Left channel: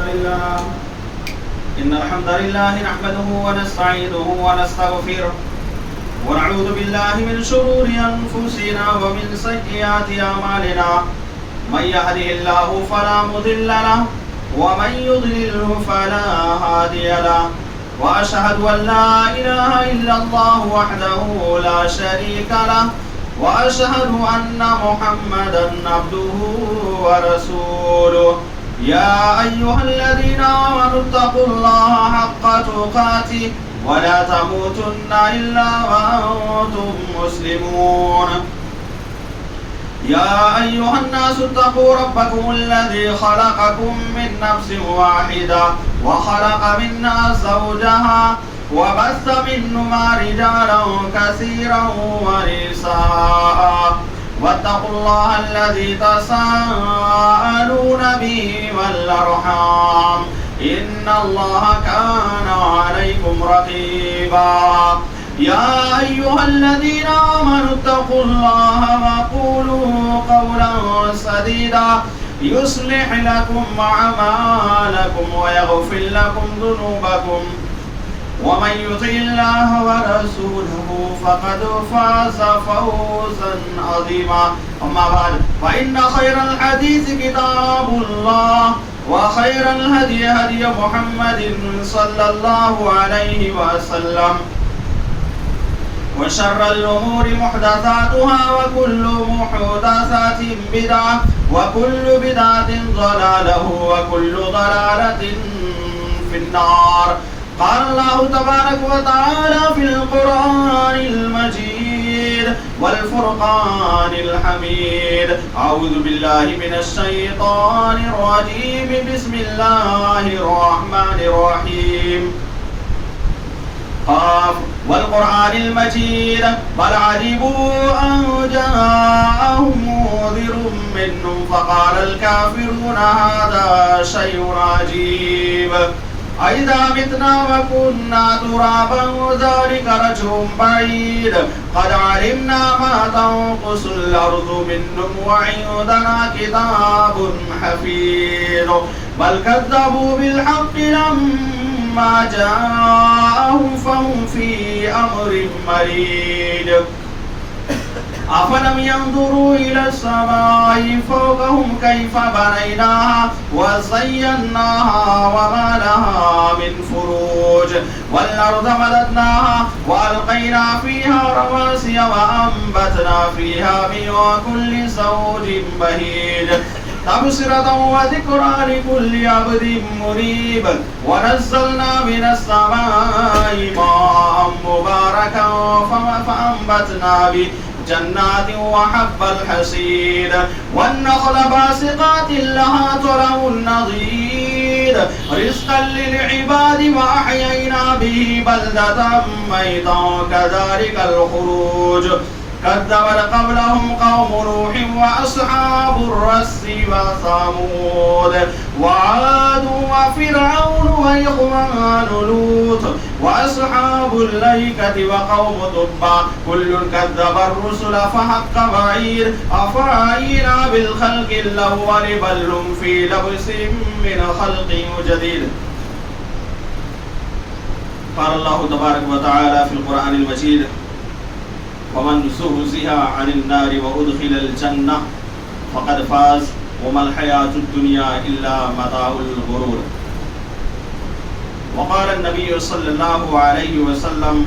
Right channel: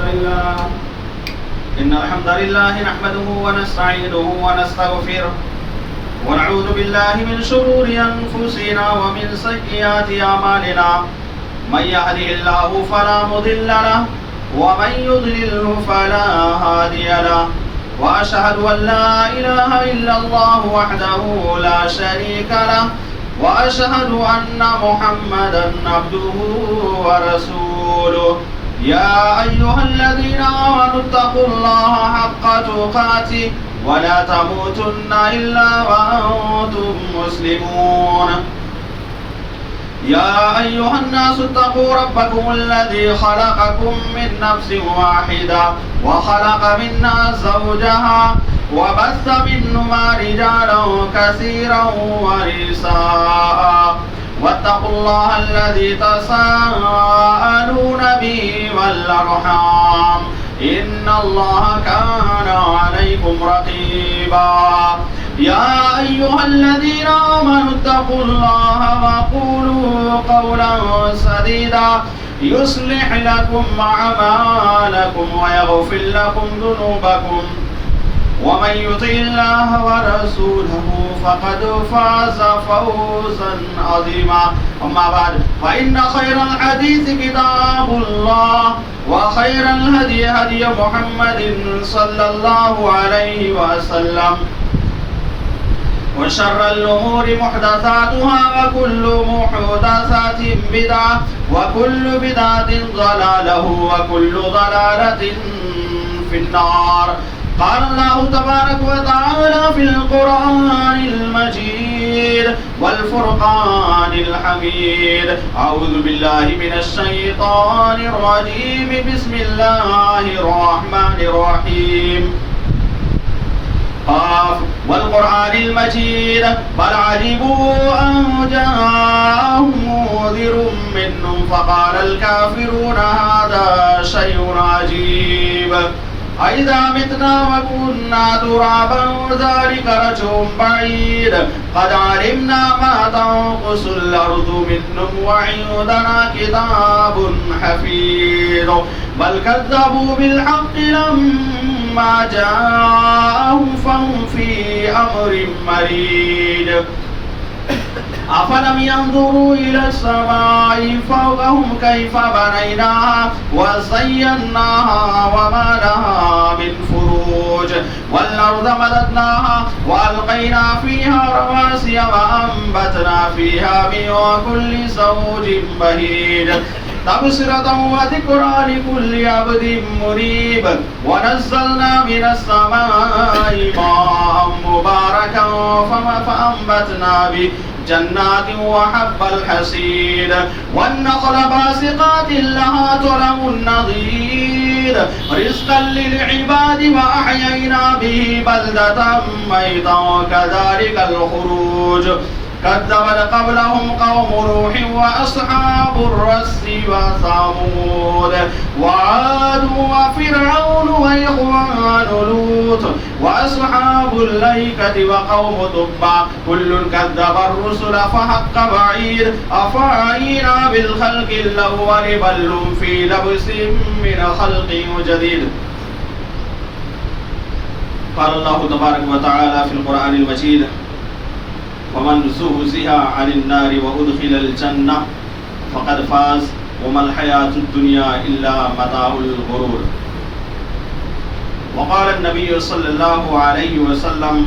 إن الحمد لله نحمده ونستعينه ونستغفره ونعوذ بالله من شرور أنفسنا ومن سيئات أعمالنا من يهده الله فلا مضل له ومن يضلله فلا هادي له وأشهد أن لا إله إلا الله وحده لا شريك له وأشهد أن محمدا عبده ورسوله يا أيها الذين آمنوا اتقوا الله حق تقاته ولا تموتن إلا وأنتم مسلمون يا أيها الناس اتقوا ربكم الذي خلقكم من نفس واحدة وخلق منها زوجها وبث منهما رجالا كثيرا ونساء واتقوا الله الذي تساءلون به والأرحام إن الله كان عليكم رقيبا يا أيها الذين آمنوا اتقوا الله وقولوا قولا سديدا يصلح لكم أعمالكم ويغفر لكم ذنوبكم ومن يطع الله ورسوله فقد فاز فوزا عظيما أما بعد فإن خير الحديث كتاب الله وخير الهدي هدي محمد صلى الله عليه وسلم وشر الأمور محدثاتها وكل محدثات بدعة وكل بدعة ضلالة وكل ضلالة في النار قال الله تبارك وتعالى في القرآن المجيد والفرقان الحميد أعوذ بالله من الشيطان الرجيم بسم الله الرحمن الرحيم قاف والقرآن المجيد بل عجبوا أن جاءهم منذر منهم فقال الكافرون هذا شيء عجيب أئذا متنا وكنا ترابا ذلك رجع بعيد قد علمنا ما تنقص الأرض منهم وعندنا كتاب حفيظ بل كذبوا بالحق لما جاءهم فهم في أمر مريج أفلم ينظروا إلى السماء فوقهم كيف بنيناها وزيناها وما لها من فروج والأرض مددناها وألقينا فيها رواسي وأنبتنا فيها من كل زوج بهيج تبصرة وذكرى لكل عبد منيب ونزلنا من السماء ماء مباركا فأنبتنا به جنات وحب الحصيد والنخل باسقات لها طلع نضيد رزقا للعباد وأحيينا به بلدة ميتا كذلك الخروج كذبت قبلهم قوم نوح وأصحاب الرس وثمود وعاد وفرعون وإخوان لوط وأصحاب الأيكة وقوم تبع كل كذب الرسل فحق وعيد أفعينا بالخلق الأول بل هم في لبس من خلق جديد قال الله تبارك وتعالى في القرآن المجيد ومن زحزح عن النار وأدخل الجنة فقد فاز وما الحياة الدنيا إلا متاع الغرور وقال النبي صلى الله عليه وسلم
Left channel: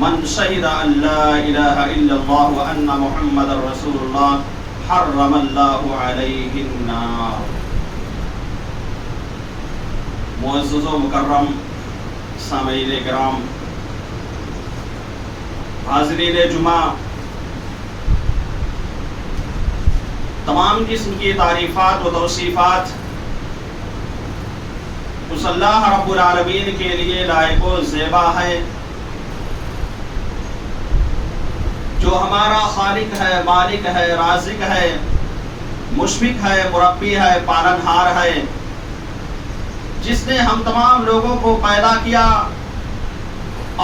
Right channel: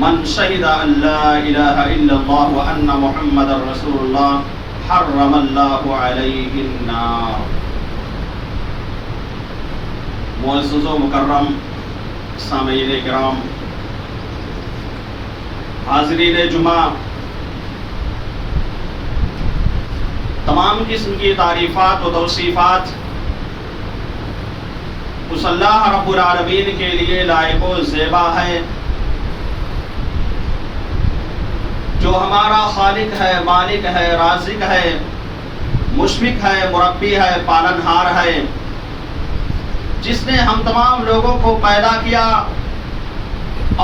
من شهد أن لا إله إلا الله وأن محمد رسول الله حرم الله عليه النار معزز و مکرم سامعین کرام حاضرین جمعہ تمام قسم کی تعریفات و توصیفات اس اللہ رب العالمین کے لیے لائق و زیبا ہے جو ہمارا خالق ہے، مالک ہے، رازق ہے، مشفق ہے، مربی ہے، پالنہار ہے، جس نے ہم تمام لوگوں کو پیدا کیا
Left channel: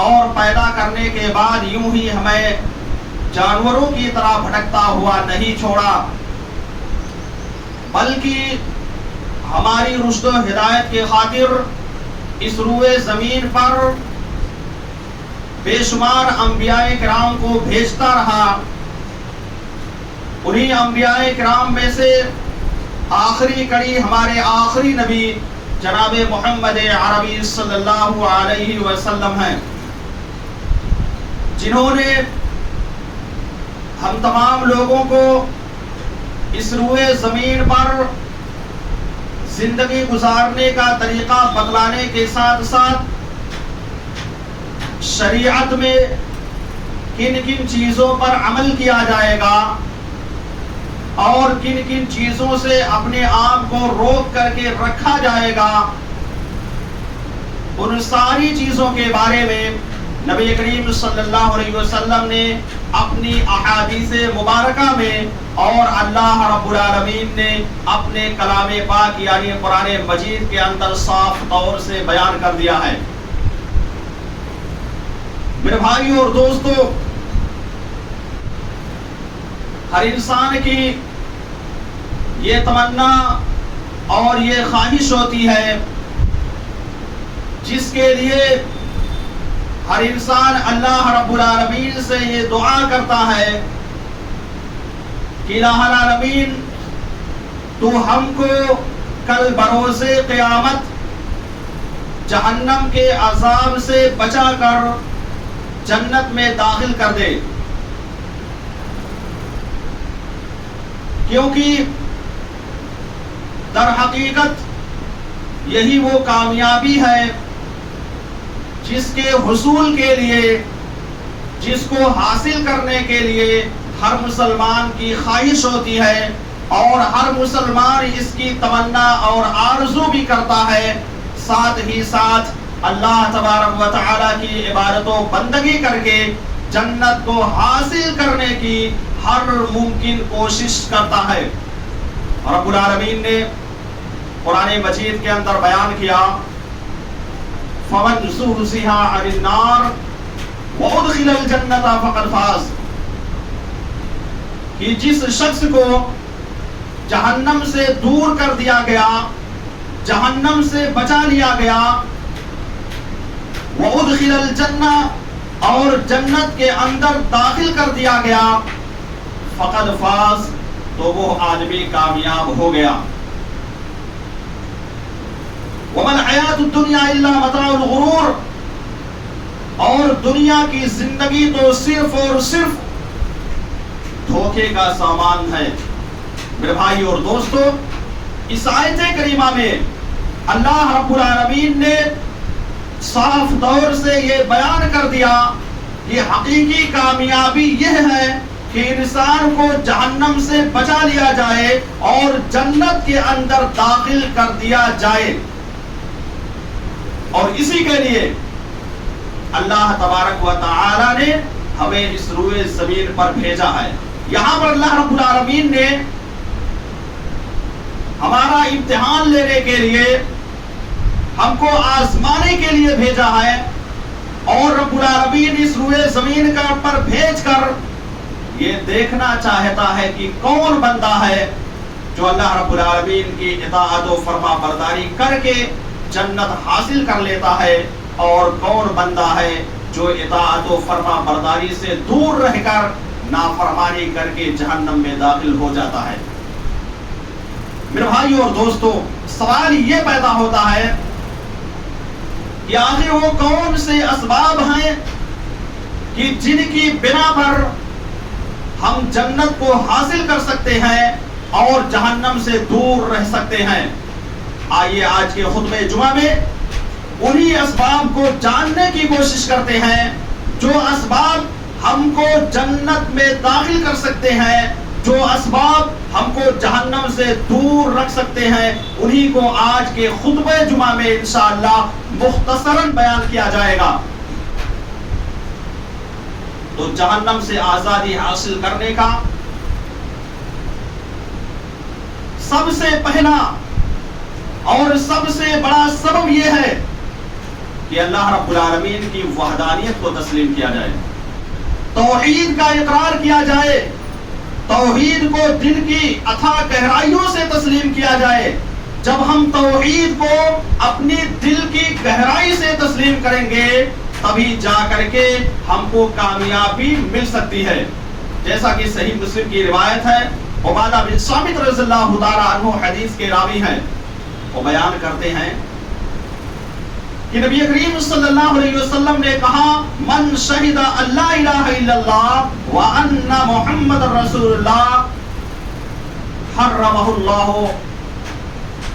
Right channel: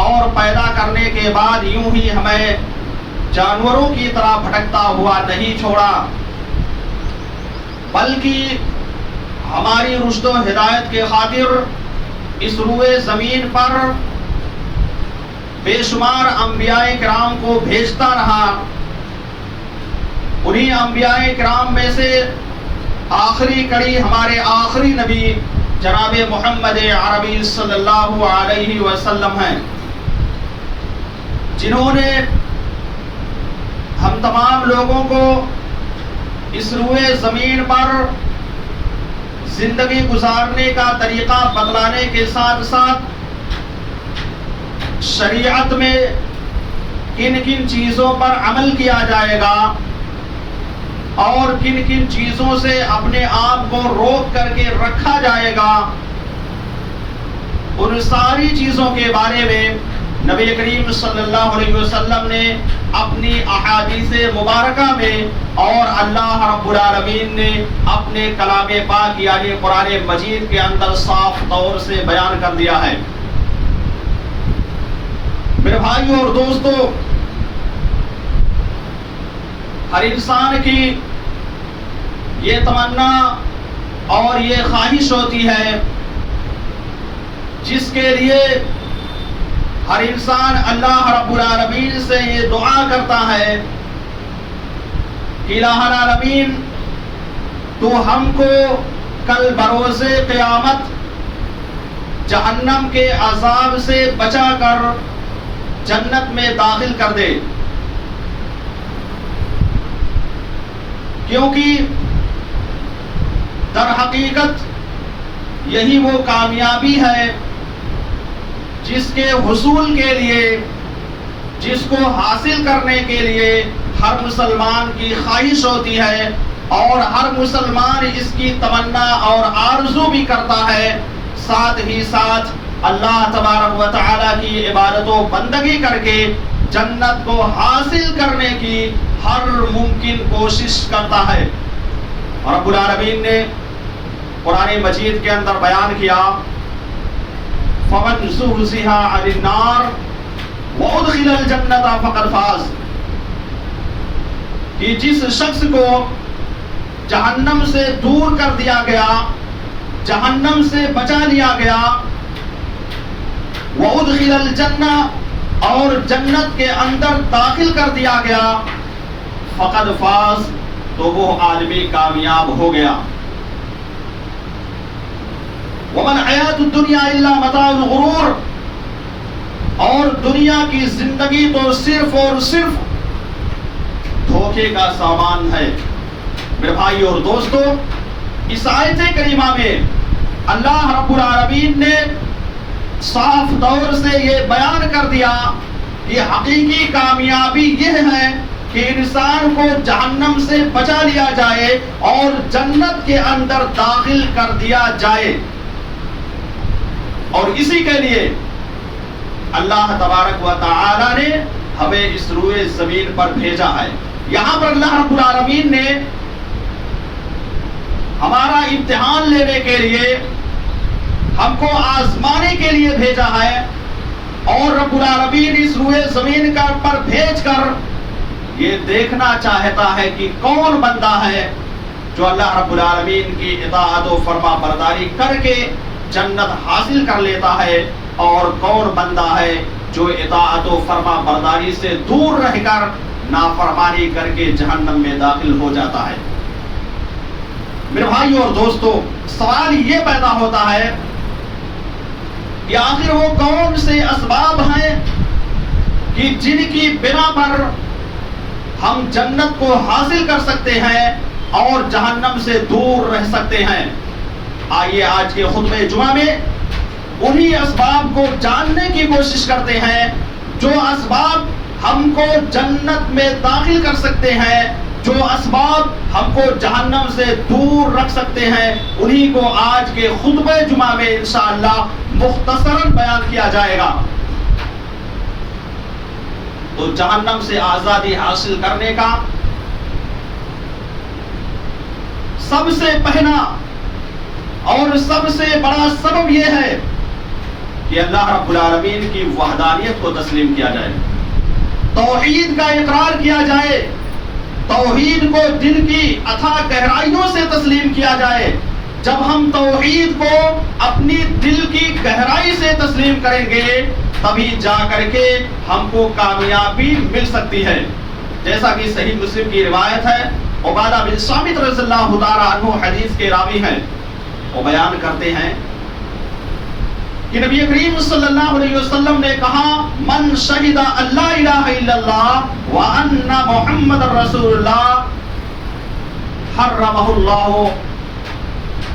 اور پیدا کرنے کے بعد یوں ہی ہمیں جانوروں کی طرح بھٹکتا ہوا نہیں چھوڑا، بلکہ ہماری رشد و ہدایت کے خاطر اس روئے زمین پر بے شمار انبیاء کرام کو بھیجتا رہا. انہی انبیاء کرام میں سے آخری کڑی ہمارے آخری نبی جناب محمد عربی صلی اللہ علیہ وسلم ہیں، جنہوں نے ہم تمام لوگوں کو اس روئے زمین پر زندگی گزارنے کا طریقہ بتلانے کے ساتھ ساتھ شریعت میں کن کن چیزوں پر عمل کیا جائے گا اور کن کن چیزوں سے اپنے آپ کو روک کر کے رکھا جائے گا، ان ساری چیزوں کے بارے میں نبی کریم صلی اللہ علیہ وسلم نے اپنی احادیث مبارکہ میں اور اللہ رب العالمین نے اپنے کلام پاک یعنی قرآن مجید کے اندر صاف طور سے بیان کر دیا ہے. میرے بھائیوں اور دوستوں، ہر انسان کی یہ تمنا اور یہ خواہش ہوتی ہے جس کے لیے ہر انسان اللہ رب العالمین سے یہ دعا کرتا ہے کہ الہ العالمین تو ہم کو کل بروز قیامت جہنم کے عذاب سے بچا کر جنت میں داخل کر دے، کیونکہ در حقیقت یہی وہ کامیابی ہے جس کے حصول کے لیے، جس کو حاصل کرنے کے لیے ہر مسلمان کی خواہش ہوتی ہے اور ہر مسلمان اس کی تمنا اور آرزو بھی کرتا ہے. ساتھ ہی ساتھ اللہ تبارک و تعالی کی عبادت و بندگی کر کے جنت کو حاصل کرنے کی ہر ممکن کوشش کرتا ہے. رب العالمین نے قرآن مجید کے اندر بیان کیا فَمَنْ زُحْزِحَ عَنِ النَّارِ وَأُدْخِلَ الْجَنَّةَ فَقَدْ فَازَ، کہ جس شخص کو جہنم سے دور کر دیا گیا، جہنم سے بچا لیا گیا، وَأُدْخِلَ الْجَنَّةَ اور جنت کے اندر داخل کر دیا گیا، فَقَدْ فَازَ تو وہ آدمی کامیاب ہو گیا. وَمَا الْحَيَاةُ الدُّنْيَا إِلَّا مَتَاعُ الْغُرُورِ، اور دنیا کی زندگی تو صرف اور صرف دھوکے کا سامان ہے. میرے بھائی اور دوستو، اس آیت کریمہ میں اللہ رب العالمین نے صاف طور سے یہ بیان کر دیا کہ حقیقی کامیابی یہ ہے کہ انسان کو جہنم سے بچا لیا جائے اور جنت کے اندر داخل کر دیا جائے. اور اسی کے لیے اللہ تبارک و تعالی نے ہمیں اس روئے زمین پر بھیجا ہے. یہاں پر اللہ رب العالمین نے ہمارا امتحان لینے کے لیے، ہم کو آزمانے کے لیے بھیجا ہے، اور رب العالمین اس روئے زمین کا پر بھیج کر یہ دیکھنا چاہتا ہے کہ کون بندہ ہے جو اللہ رب العالمین کی اطاعت و فرما برداری کر کے جنت حاصل کر لیتا ہے، اور کون بندہ ہے جو اطاعت و فرما برداری سے دور رہ کر نافرمانی کر کے جہنم میں داخل ہو جاتا ہے. میرے بھائیو اور دوستو، سوال یہ پیدا ہوتا ہے کہ آخر وہ کون سے اسباب ہیں کہ جن کی بنا پر ہم جنت کو حاصل کر سکتے ہیں اور جہنم سے دور رہ سکتے ہیں. آئیے آج کے خطبہ جمعہ میں انہی اسباب کو جاننے کی کوشش کرتے ہیں جو اسباب ہم کو جنت میں داخل کر سکتے ہیں، جو اسباب ہم کو جہنم سے دور رکھ سکتے ہیں. انہی کو آج کے خطبہ جمعہ میں انشاءاللہ مختصراً بیان کیا جائے گا. تو جہنم سے آزادی حاصل کرنے کا سب سے پہلا اور سب سے بڑا سبب یہ ہے کہ اللہ رب العالمین کی وحدانیت کو تسلیم کیا جائے، توحید کا اقرار کیا جائے، توحید کو دل کی اتھا گہرائیوں سے تسلیم کیا جائے جب ہم توحید کو اپنی دل کی گہرائی سے تسلیم کریں گے تبھی جا کر کے ہم کو کامیابی مل سکتی ہے. جیسا کہ صحیح مسلم کی روایت ہے، عبادہ بن صامت رضی اللہ تعالی عنہ حدیث کے راوی ہیں، وہ بیان کرتے ہیں کہ نبی کریم صلی اللہ علیہ وسلم نے کہا من شہد اللہ الہ الا اللہ وان محمد رسول اللہ حرمہ اللہ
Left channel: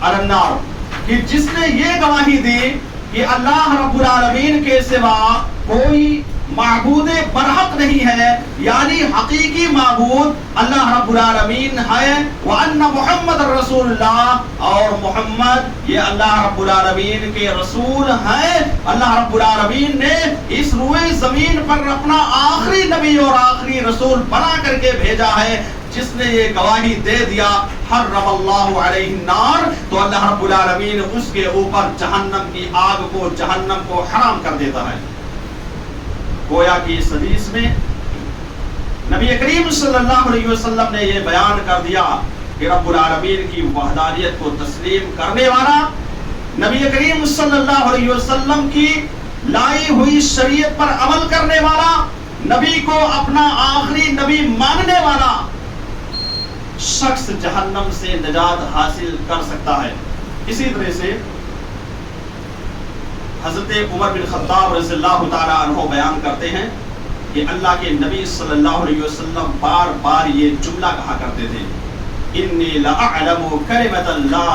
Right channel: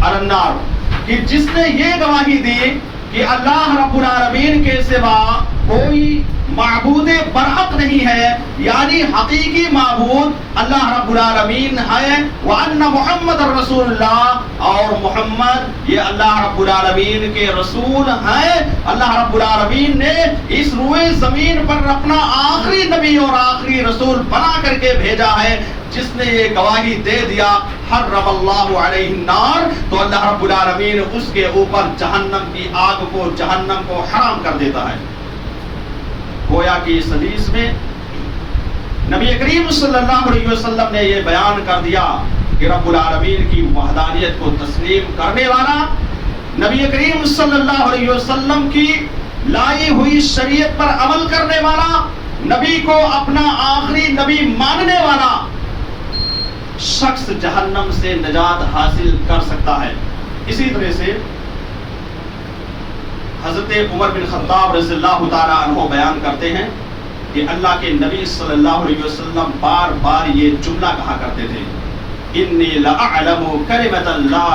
علی النار، کہ جس نے یہ گواہی دی کہ اللہ رب العالمین کے سوا کوئی معبود برحق نہیں ہے، یعنی حقیقی معبود اللہ رب العالمین ہے، وَأَنَّ مُحَمَّدَ الرَّسُولُ اللَّهِ، اور محمد یہ اللہ رب العالمین کے رسول ہیں. اللہ رب العالمین نے اس روئے زمین پر اپنا آخری نبی اور آخری رسول بنا کر کے بھیجا ہے. جس نے یہ گواہی دے دیا حرم اللہ علیہ النار، تو اللہ رب العالمین اس کے اوپر جہنم کی آگ کو، جہنم کو حرام کر دیتا ہے. گویا کہ اس حدیث میں نبی کریم صلی اللہ علیہ وسلم نے یہ بیان کر دیا کہ رب العالمین کی وحدانیت کو تسلیم کرنے والا، نبی کریم صلی اللہ علیہ وسلم کی لائی ہوئی شریعت پر عمل کرنے والا، نبی کو اپنا آخری نبی ماننے والا شخص جہنم سے نجات حاصل کر سکتا ہے. اسی طرح سے حضرت عمر بن خطاب رضی اللہ تعالی عنہ بیان کرتے ہیں کہ اللہ کے نبی صلی اللہ علیہ وسلم بار بار یہ جملہ کہا کرتے تھے، انی لأعلم کلمۃ لا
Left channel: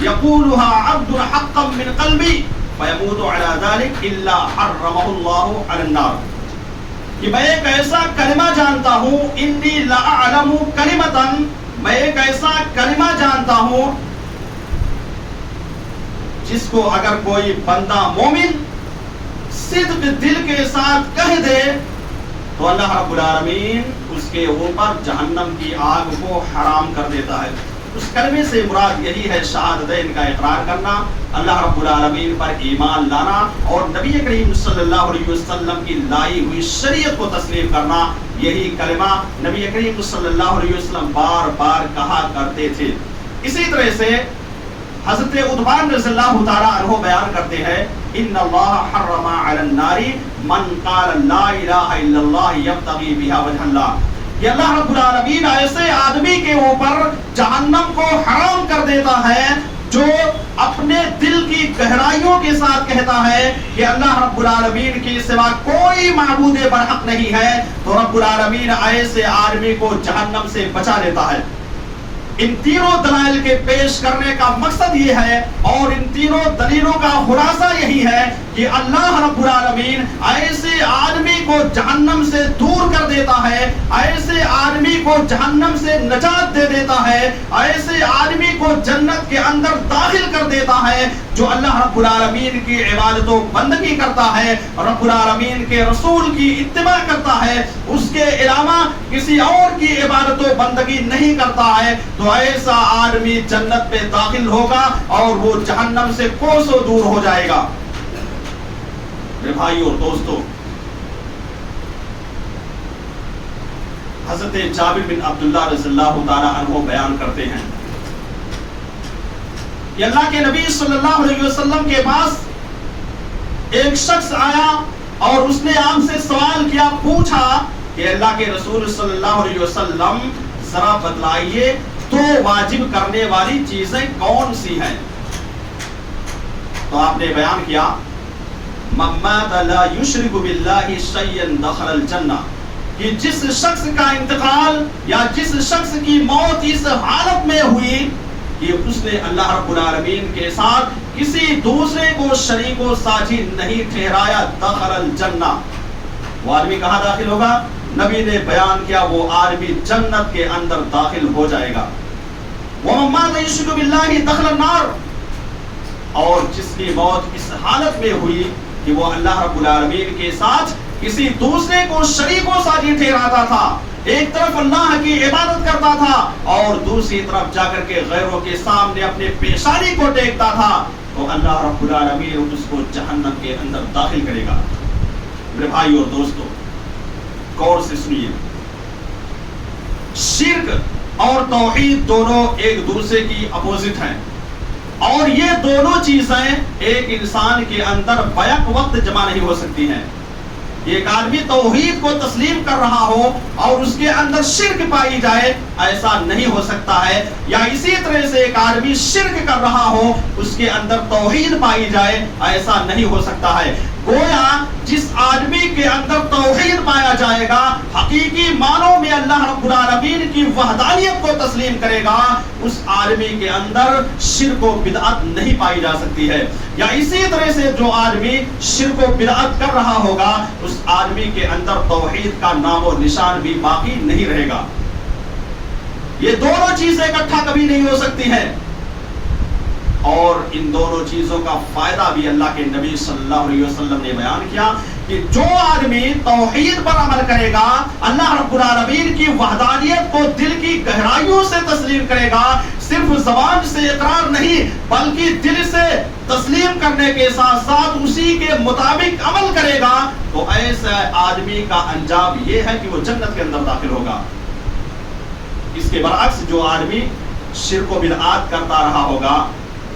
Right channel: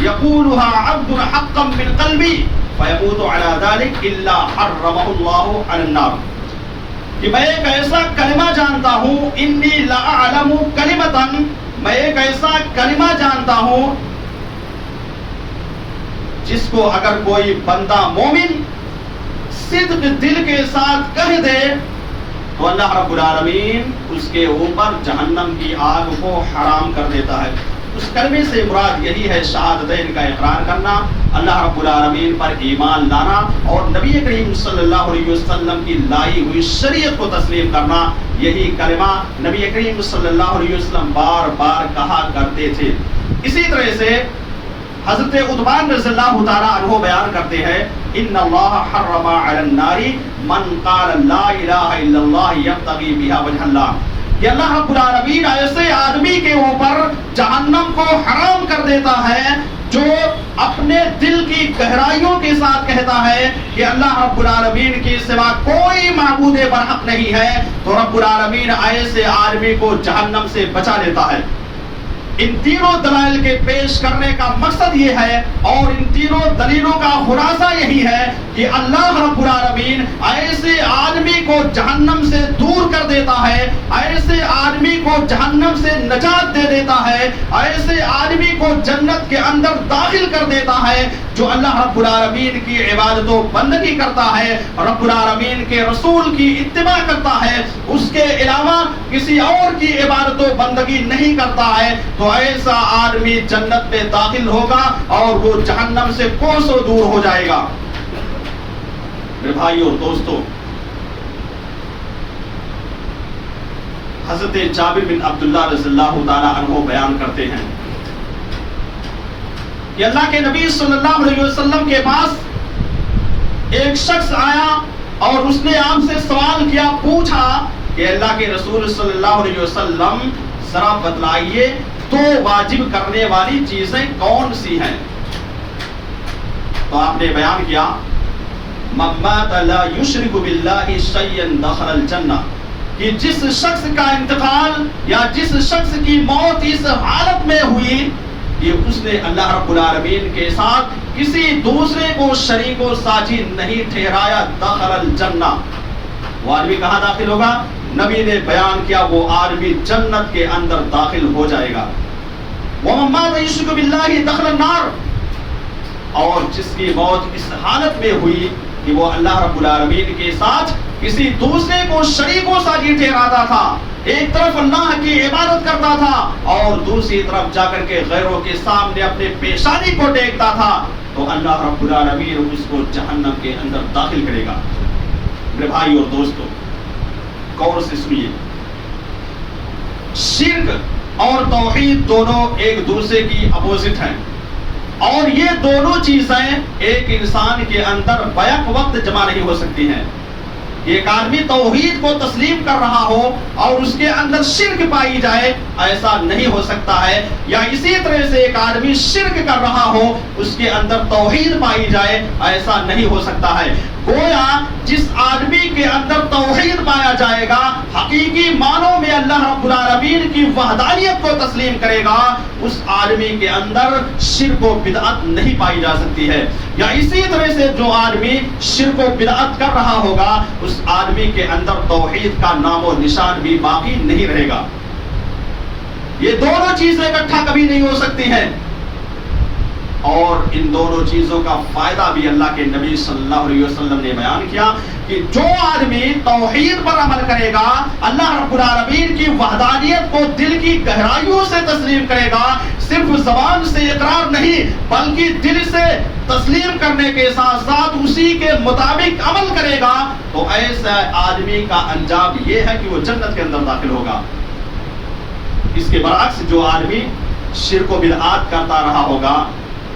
یقولها عبد حقا من قلبی فیموت علی ذلک الا حرمہ اللہ علی النار، کہ میں ایک ایسا کلمہ جانتا ہوں، انی لأعلم کلمۃ، میں ایک ایسا کلمہ جانتا ہوں جس کو اگر کوئی بندہ مومن صدق دل کے ساتھ کہہ دے تو اللہ رب العالمین اس کے اوپر جہنم کی آگ کو حرام کر دیتا ہے. اس کلمے سے مراد یہی ہے شہادتین کا اقرار کرنا، اللہ رب العالمین پر ایمان لانا اور نبی کریم صلی اللہ علیہ وسلم کی لائی ہوئی شریعت کو تسلیم کرنا. یہی کلمہ نبی کریم صلی اللہ علیہ وسلم بار بار کہا کرتے تھے. اسی طرح سے حضرت عثمان رضی اللہ تعالی عنہ بیان کرتے ہیں ان اللہ حرم علی النار من قال لا الہ الا اللہ یبتغی بها وجہ اللہ، کہ اللہ رب العالمین ایسے آدمی کے اوپر جہنم کو حرام کر دیتا ہے جو اپنے دل کی گہرائیوں کے ساتھ کہتا ہے کہ اللہ رب العالمین کے سوا کوئی معبود برحق نہیں ہے، تو رب العالمین ایسے آدمی کو جہنم سے بچا لیتا ہے. ان تینوں دلائل کے پیش کرنے کا مقصد یہ ہے اور ان تینوں دلیلوں کا خلاصہ یہی ہے کہ اللہ رب العالمین ایسے آدمی کو جہنم سے دور کر دیتا ہے، ایسے آدمی کو جہنم سے نجات دے دیتا ہے، ایسے آدمی کو جنت کے اندر داخل کر دیتا ہے جو اللہ رب العالمین کی عبادت و بندگی کرتا ہے، رب العالمین کے رسول کی اتباع کرتا ہے، اس کے علاوہ کسی اور کی عبادت و بندگی نہیں کرتا ہے، تو ایسا آدمی جنت میں داخل ہوگا اور وہ جہنم سے کوسوں دور ہو جائے گا. میرے بھائیو اور دوستو، حضرت جابر بن عبداللہ رضی اللہ تعالی عنہ بیان کرتے ہیں کہ اللہ کے نبی صلی اللہ علیہ وسلم کے پاس ایک شخص آیا اور اس نے آپ سے سوال کیا، پوچھا کہ اللہ کے رسول صلی اللہ علیہ وسلم ذرا بتلائیے تو واجب کرنے والی چیزیں کون سی ہیں؟ تو آپ نے بیان کیا من مات لا یشرک باللہ شیئا دخل الجنہ، کہ جس شخص کا انتقال یا جس شخص کی موت اس حالت میں ہوئی کہ اس نے اللہ رب العالمین کے ساتھ کسی دوسرے کو شریک و ساجی نہیں ٹھہرایا، دخل الجنہ، وہ آدمی کہاں داخل ہوگا؟ نبی نے بیان کیا وہ آدمی جنت کے اندر داخل ہو جائے گا. وَمَن مَاتَ يُشْرِكُ بِاللَّهِ دَخَلَ النَّارِ، اور جس کی موت اس حالت میں ہوئی کہ وہ اللہ رب العالمین کے ساتھ کسی دوسرے کو شریک و ساجی ٹھہراتا تھا، ایک طرف اللہ کی عبادت کرتا تھا اور دوسری طرف جا کر کے غیروں کے سامنے اپنے پیشانی کو ٹیکتا تھا، تو اللہ رب العالمین اس کو جہنم کے اندر داخل کرے گا. میرے بھائی اور دوستو، غور سے سنیے، شرک اور توحید دونوں ایک دوسرے کی اپوزٹ ہیں. اور یہ دونوں چیزیں ایک انسان کے اندر بیک وقت جمع نہیں ہو سکتی ہیں. ایک آدمی توحید کو تسلیم کر رہا ہو اور اس کے اندر شرک پائی جائے، ایسا نہیں ہو سکتا ہے. یا اسی طرح سے ایک آدمی شرک کر رہا ہو، اس کے اندر توحید پائی جائے، ایسا نہیں ہو سکتا ہے. گویا جس آدمی کے اندر توحید پایا جائے گا، حقیقی معنوں میں اللہ رب العالمین کی وحدانیت کو تسلیم کرے گا، اس آدمی کے اندر شرک و بدعت نہیں پائی جا سکتی ہے. یا اسی طرح سے جو آدمی شرک و بدعت کر رہا ہوگا، اس آدمی کے اندر توحید کا نام و نشان بھی باقی نہیں رہے گا. یہ دونوں چیزیں اکٹھا کبھی نہیں ہو سکتی ہیں. اور ان دونوں چیزوں کا فائدہ بھی اللہ کے نبی صلی اللہ علیہ وسلم نے بیان کیا کہ جو آدمی توحید پر عمل کرے گا، اللہ رب العالمین کی وحدانیت کو دل کی گہرائیوں سے تسلیم کرے گا، صرف زبان سے اقرار نہیں بلکہ دل سے تسلیم کرنے کے ساتھ ساتھ اسی کے مطابق عمل کرے گا، تو ایسا آدمی کا انجام یہ ہے کہ وہ جنت کے اندر داخل ہوگا. اس کے برعکس جو آدمی شرک و بدعات کرتا رہا ہوگا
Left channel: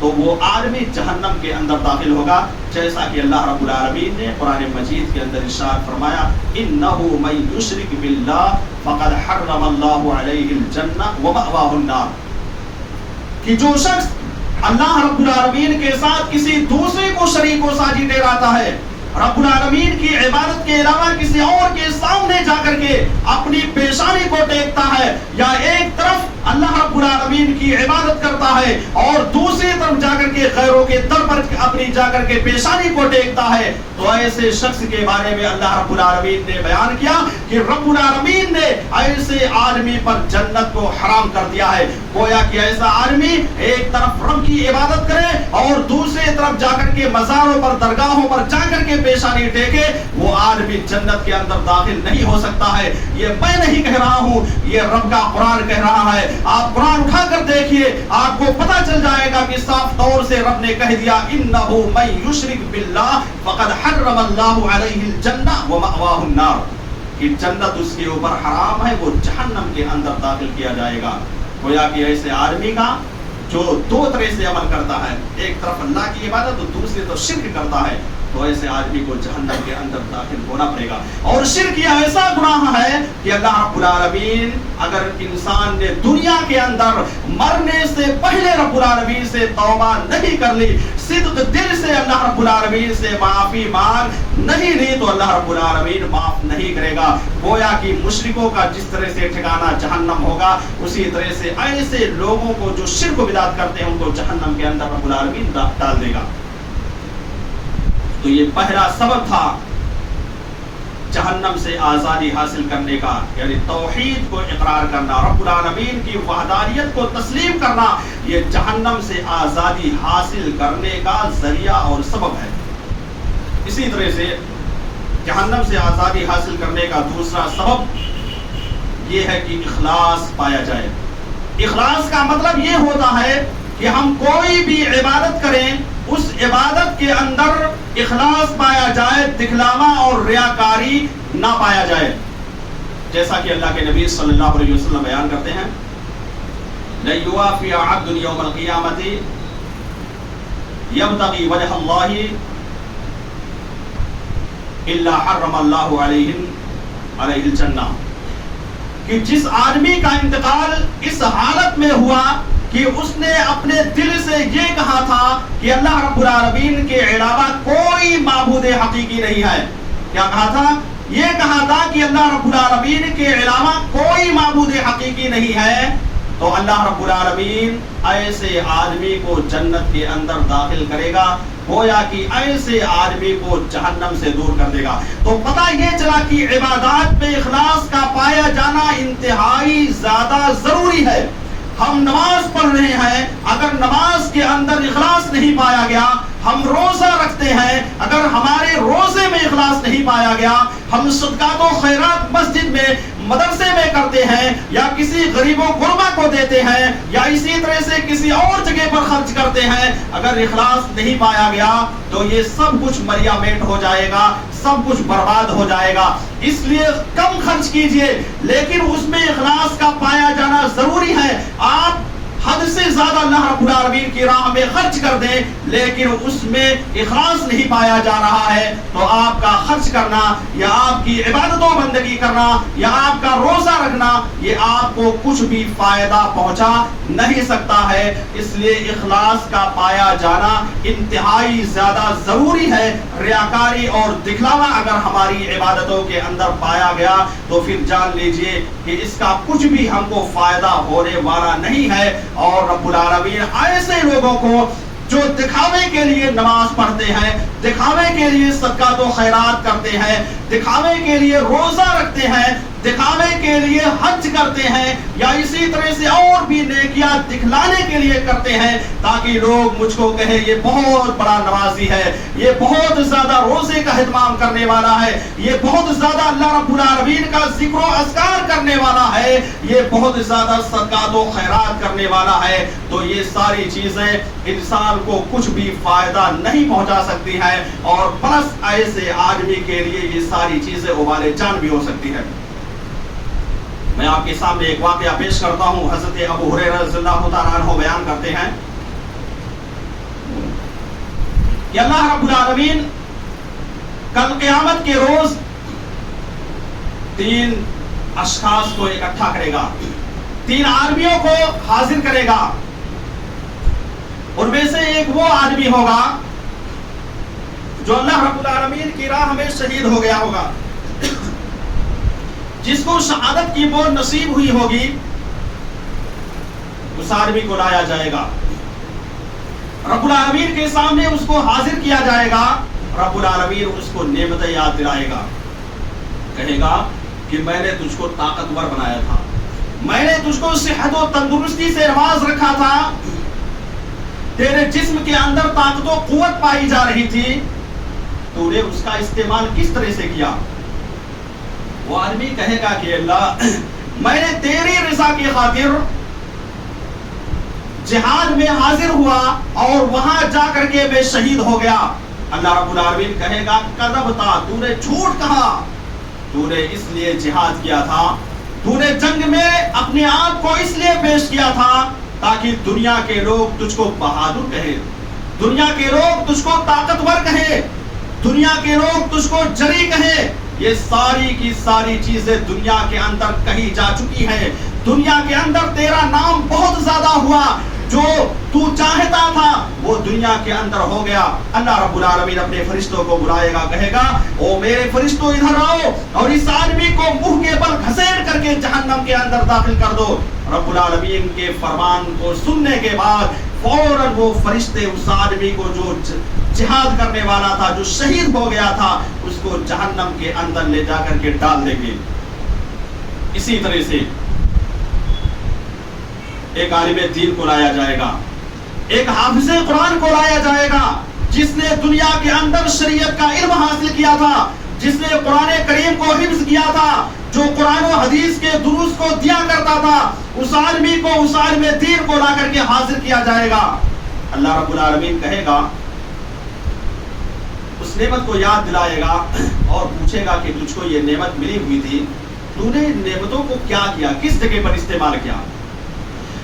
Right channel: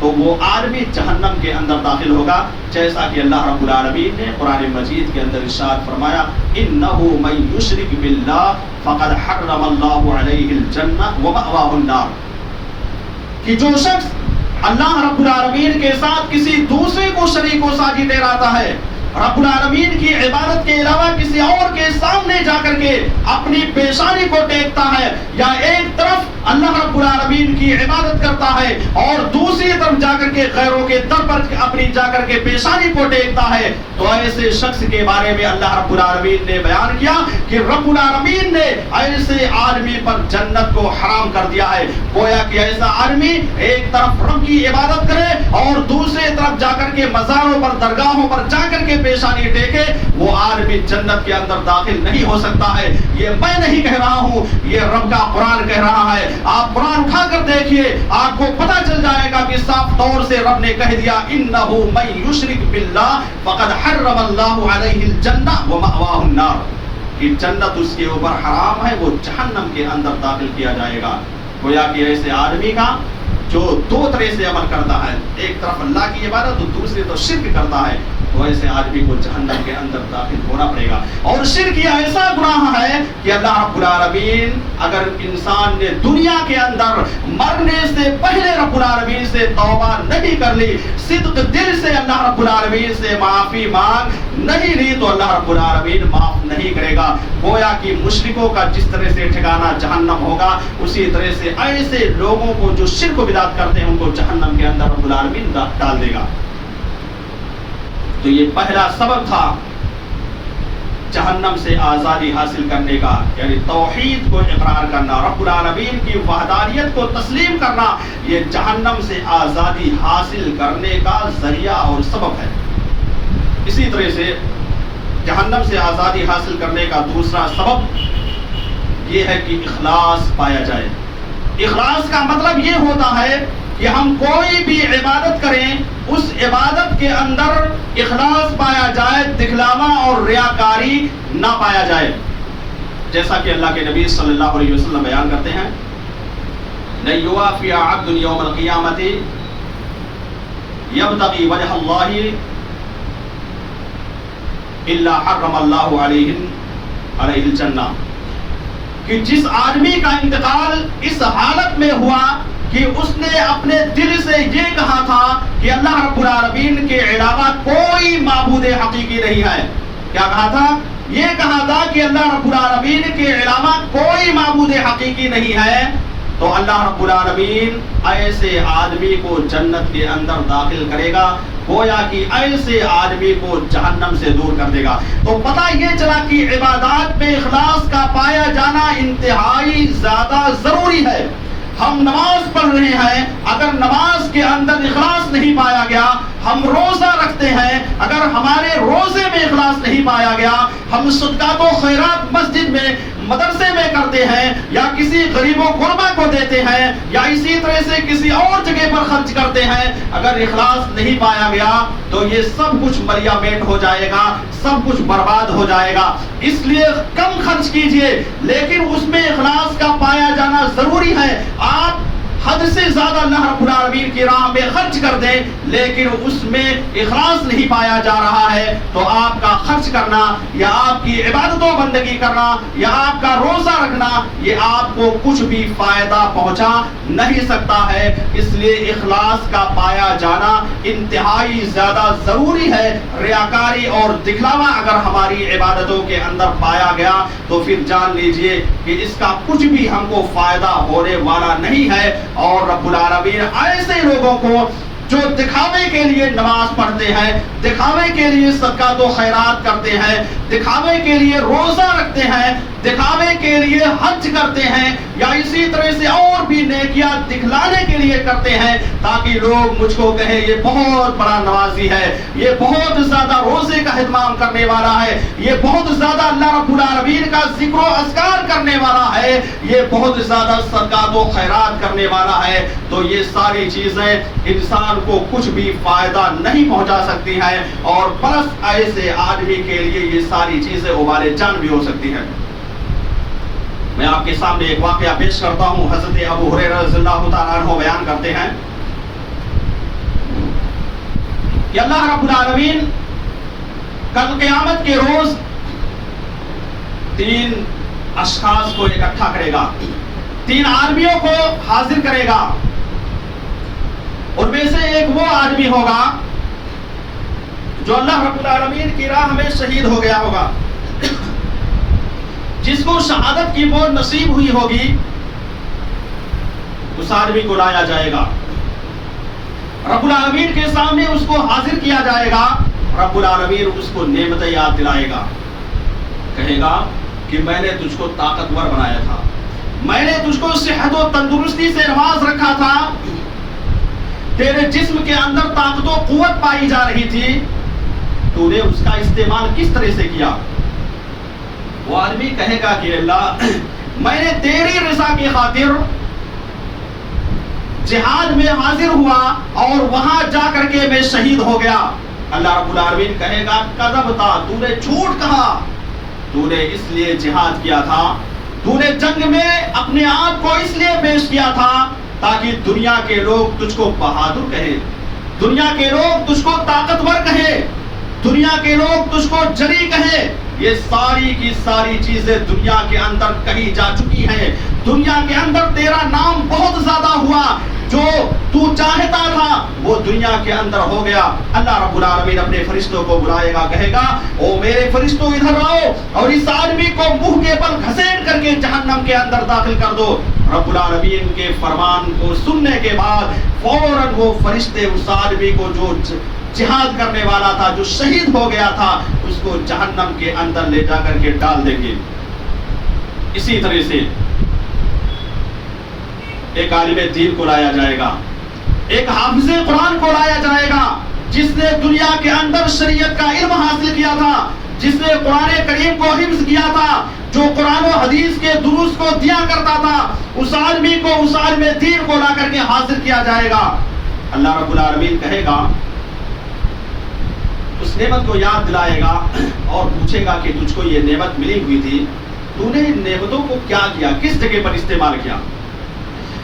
تو وہ آدمی جہنم کے اندر داخل ہوگا، جیسا کہ اللہ رب العالمین نے قرآن مجید کے اندر ارشاد فرمایا انہ من یشرک باللہ فقد حرم اللہ علیہ الجنہ ومأواہ النار، کہ جو شخص اللہ رب العالمین کے ساتھ کسی دوسرے کو شریک و ساجی ٹھہراتا ہے، رب العالمین کی عبادت کے علاوہ کسی اور کے سامنے جا کر کے اپنی پیشانی کو ٹیکتا ہے، یا ایک طرف اللہ رب العالمین کی عبادت کرتا ہے اور دوسری طرف جا کر کے غیروں کے در پر اپنی جا کر کے پیشانی کو ٹیکتا ہے، تو ایسے شخص کے بارے میں اللہ رب العالمین نے بیان کیا کہ رب العالمین نے ایسے آدمی پر جنت کو حرام کر دیا ہے. گویا کہ ایسا آدمی ایک طرف رب کی عبادت کرے اور دوسری طرف جا کر کے مزاروں پر درگاہوں پر جا کر کے پیشانی ٹیکے، وہ آدمی جنت کے اندر داخل نہیں ہو سکتا ہے. یہ میں نہیں کہہ رہا ہوں، یہ رب کا قرآن کہہ رہا ہے. آپ قرآن اٹھا کر دیکھیے، آپ کو پتہ چل جائے گا کہ صاف طور سے رب نے کہہ دیا انہ من یشرک باللہ فقد حرم اللہ علیہ الجنہ ومأواہ النار، کہ جنت اس کے اوپر حرام ہے، وہ جہنم کے اندر داخل کیا جائے گا. گویا کہ ایسے آدمی کا جو دو طرح سے عمل کرتا ہے، ایک طرف اللہ کی عبادت اور دوسری طرف شرک کرتا ہے، تو ایسے آدمی کو جہنم کے اندر داخل ہونا پڑے گا. اور شرک یہ ایسا گناہ ہے کہ اللہ رب العالمین اگر انسان نے دنیا کے اندر مرنے سے پہلے رب العالمین سے توبہ نہیں کر لی، صدق دل سے اللہ رب العالمین سے معافی مانگ نہیں لی، تو اللہ رب العالمین معاف نہیں کرے گا. گویا کہ مشرکوں کا جس طرح سے ٹھکانہ جہنم ہوگا، اسی طرح سے ایسے لوگوں کو جو شرک و بدعت کرتے ہیں ان کو جہنم کے اندر رب العالمین ڈال دے گا. تو یہ پہلا سبب تھا جہنم سے آزادی حاصل کرنے کا، یعنی توحید کو اقرار کرنا، رب العالمین کی وحدانیت کو تسلیم کرنا، یہ جہنم سے آزادی حاصل کرنے کا ذریعہ اور سبب ہے. اسی طرح سے جہنم سے آزادی حاصل کرنے کا دوسرا سبب یہ ہے کہ اخلاص پایا جائے. اخلاص کا مطلب یہ ہوتا ہے کہ ہم کوئی بھی عبادت کریں، اس عبادت کے اندر اخلاص پایا جائے، دکھلاوا اور ریاکاری نہ پایا جائے. جیسا کہ اللہ کے نبی صلی اللہ علیہ وسلم بیان کرتے ہیں لَن يُوَافِيَ عَبْدٌ يَوْمَ الْقِيَامَةِ يَبْتَغِي وَجْهَ اللَّهِ إِلَّا حَرَّمَ اللَّهُ عَلَيْهِ الْجَنَّةَ، کہ جس آدمی کا انتقال اس حالت میں ہوا کہ اس نے اپنے دل سے یہ کہا تھا کہ اللہ رب العالمین کے علاوہ کوئی معبود حقیقی نہیں ہے. کیا کہا تھا؟ یہ کہا تھا کہ اللہ رب العالمین کے علاوہ کوئی معبود حقیقی نہیں ہے، تو اللہ رب العالمین ایسے آدمی کو جنت کے اندر داخل کرے گا. گویا کہ ایسے آدمی کو جہنم سے دور کر دے گا. تو پتہ یہ چلا کہ عبادات میں اخلاص کا پایا جانا انتہائی زیادہ ضروری ہے. ہم نماز پڑھ رہے ہیں، اگر نماز کے اندر اخلاص نہیں پایا گیا، ہم روزہ رکھتے ہیں، اگر ہمارے روزے میں اخلاص نہیں پایا گیا، ہم صدقات و خیرات مسجد میں مدرسے میں کرتے ہیں یا کسی غریب و غربا کو دیتے ہیں یا اسی طرح سے کسی اور جگہ پر خرچ کرتے ہیں، اگر اخلاص نہیں پایا گیا تو یہ سب کچھ مریا میٹ ہو جائے گا، سب کچھ برباد ہو جائے گا. اس لیے کم خرچ کیجئے لیکن اس میں اخلاص کا پایا جانا ضروری ہے. آپ حد سے زیادہ اللہ رب العالمین کی راہ میں خرچ کر دیں لیکن اس میں اخلاص نہیں پایا جا رہا ہے تو آپ کا خرچ کرنا یا آپ کی عبادت و بندگی کرنا یا آپ کا روزہ رکھنا یہ آپ کو کچھ بھی فائدہ پہنچا نہیں سکتا ہے. اس لیے اخلاص کا پایا جانا انتہائی زیادہ ضروری ہے. ریاکاری اور دکھلاوا اگر ہماری عبادتوں کے اندر پایا گیا تو پھر جان لیجئے کہ اس کا کچھ بھی ہم کو فائدہ ہونے والا نہیں ہے. اور رب العالمین ایسے لوگوں کو جو دکھاوے کے لیے نماز پڑھتے ہیں, دکھاوے کے لیے صدقات و خیرات کرتے ہیں, دکھاوے کے لیے روزہ رکھتے ہیں, دکھاوے کے لیے حج کرتے ہیں یا اسی طرح سے اور بھی نیکیاں دکھلانے کے لیے کرتے ہیں تاکہ لوگ مجھ کو کہیں یہ بہت بڑا نمازی ہے, یہ بہت زیادہ روزے کا اہتمام کرنے والا ہے, یہ بہت زیادہ اللہ رب العالمین کا ذکر و اذکار کرنے والا ہے, یہ بہت زیادہ صدقات و خیرات کرنے والا ہے. تو یہ ساری چیزیں انسان کو کچھ بھی فائدہ نہیں پہنچا سکتی ہیں اور پلس ایسے آدمی کے لیے یہ ساری چیزیں وبال جان بھی ہو سکتی ہیں. میں آپ کے سامنے ایک واقعہ پیش کرتا ہوں. حضرت ابو ہریرہ رضی اللہ تعالیٰ عنہ بیان کرتے ہیں کہ اللہ رب العالمین کل قیامت کے روز 3 اشخاص کو اکٹھا کرے گا, 3 آدمیوں کو حاضر کرے گا. ان میں سے ایک وہ آدمی ہوگا جو اللہ رب العالمین کی راہ میں شہید ہو گیا ہوگا, جس کو شہادت کی موت نصیب ہوئی ہوگی. اس آدمی کو لایا جائے گا, رب العالمین کے سامنے اس کو حاضر کیا جائے گا. رب العالمین اس کو نعمتیں یاد دلائے گا, کہے گا کہ میں نے تجھ کو طاقتور بنایا تھا, میں نے تجھ کو صحت و تندرستی سے نواز رکھا تھا, تیرے جسم کے اندر طاقت و قوت پائی جا رہی تھی, تو نے اس کا استعمال کس طرح سے کیا؟ وہ آدمی کہے گا کہ اللہ میں نے تیری رضا کی خاطر جہاد میں حاضر ہوا اور وہاں جا کر کے میں شہید ہو گیا. اللہ رب العالمین کہے گا کذبتا, تو نے جھوٹ کہا, تو نے اس لیے جہاد کیا تھا, تو نے جنگ میں اپنے آپ کو اس لیے پیش کیا تھا تاکہ دنیا کے لوگ تجھ کو بہادر کہیں, دنیا کے لوگ تجھ کو طاقتور کہیں, دنیا کے لوگ تجھ کو جری کہیں. یہ ساری کی ساری چیزیں دنیا کے اندر کہی جا چکی ہیں, دنیا کے اندر تیرا نام بہت زیادہ ہوا, جو تو چاہتا تھا وہ دنیا کے اندر ہو گیا. اللہ رب العالمین اپنے فرشتوں کو بلائے گا, کہے گا او میرے فرشتوں ادھر آؤ اور اس آدمی کو منہ کے بل گھسیٹ کر کے جہنم کے اندر داخل کر دو. رب العالمین کے فرمان کو سننے کے بعد فوراً وہ فرشتے اس آدمی کو جو جہاد کرنے والا تھا, جو شہید ہو گیا تھا, اس کو جہنم کے اندر لے جا کر کے ڈال دیں گے. اسی طرح سے ایک عالم دین کو لایا جائے گا, ایک حافظ قرآن کو لایا جائے گا, جس نے دنیا کے اندر شریعت کا علم حاصل کیا تھا, جس نے قرآن کریم کو حفظ کیا تھا, جو قرآن و حدیث کے دروس کو دیا کرتا تھا. اس آدمی کو, اس عالم دین کو لا کر کے حاضر کیا جائے گا. اللہ رب العالمین کہے گا, اس نعمت کو یاد دلائے گا اور پوچھے گا کہ تجھ کو یہ نعمت ملی ہوئی تھی, تو نے ان نعمتوں کو کیا کیا, کس جگہ پر استعمال کیا؟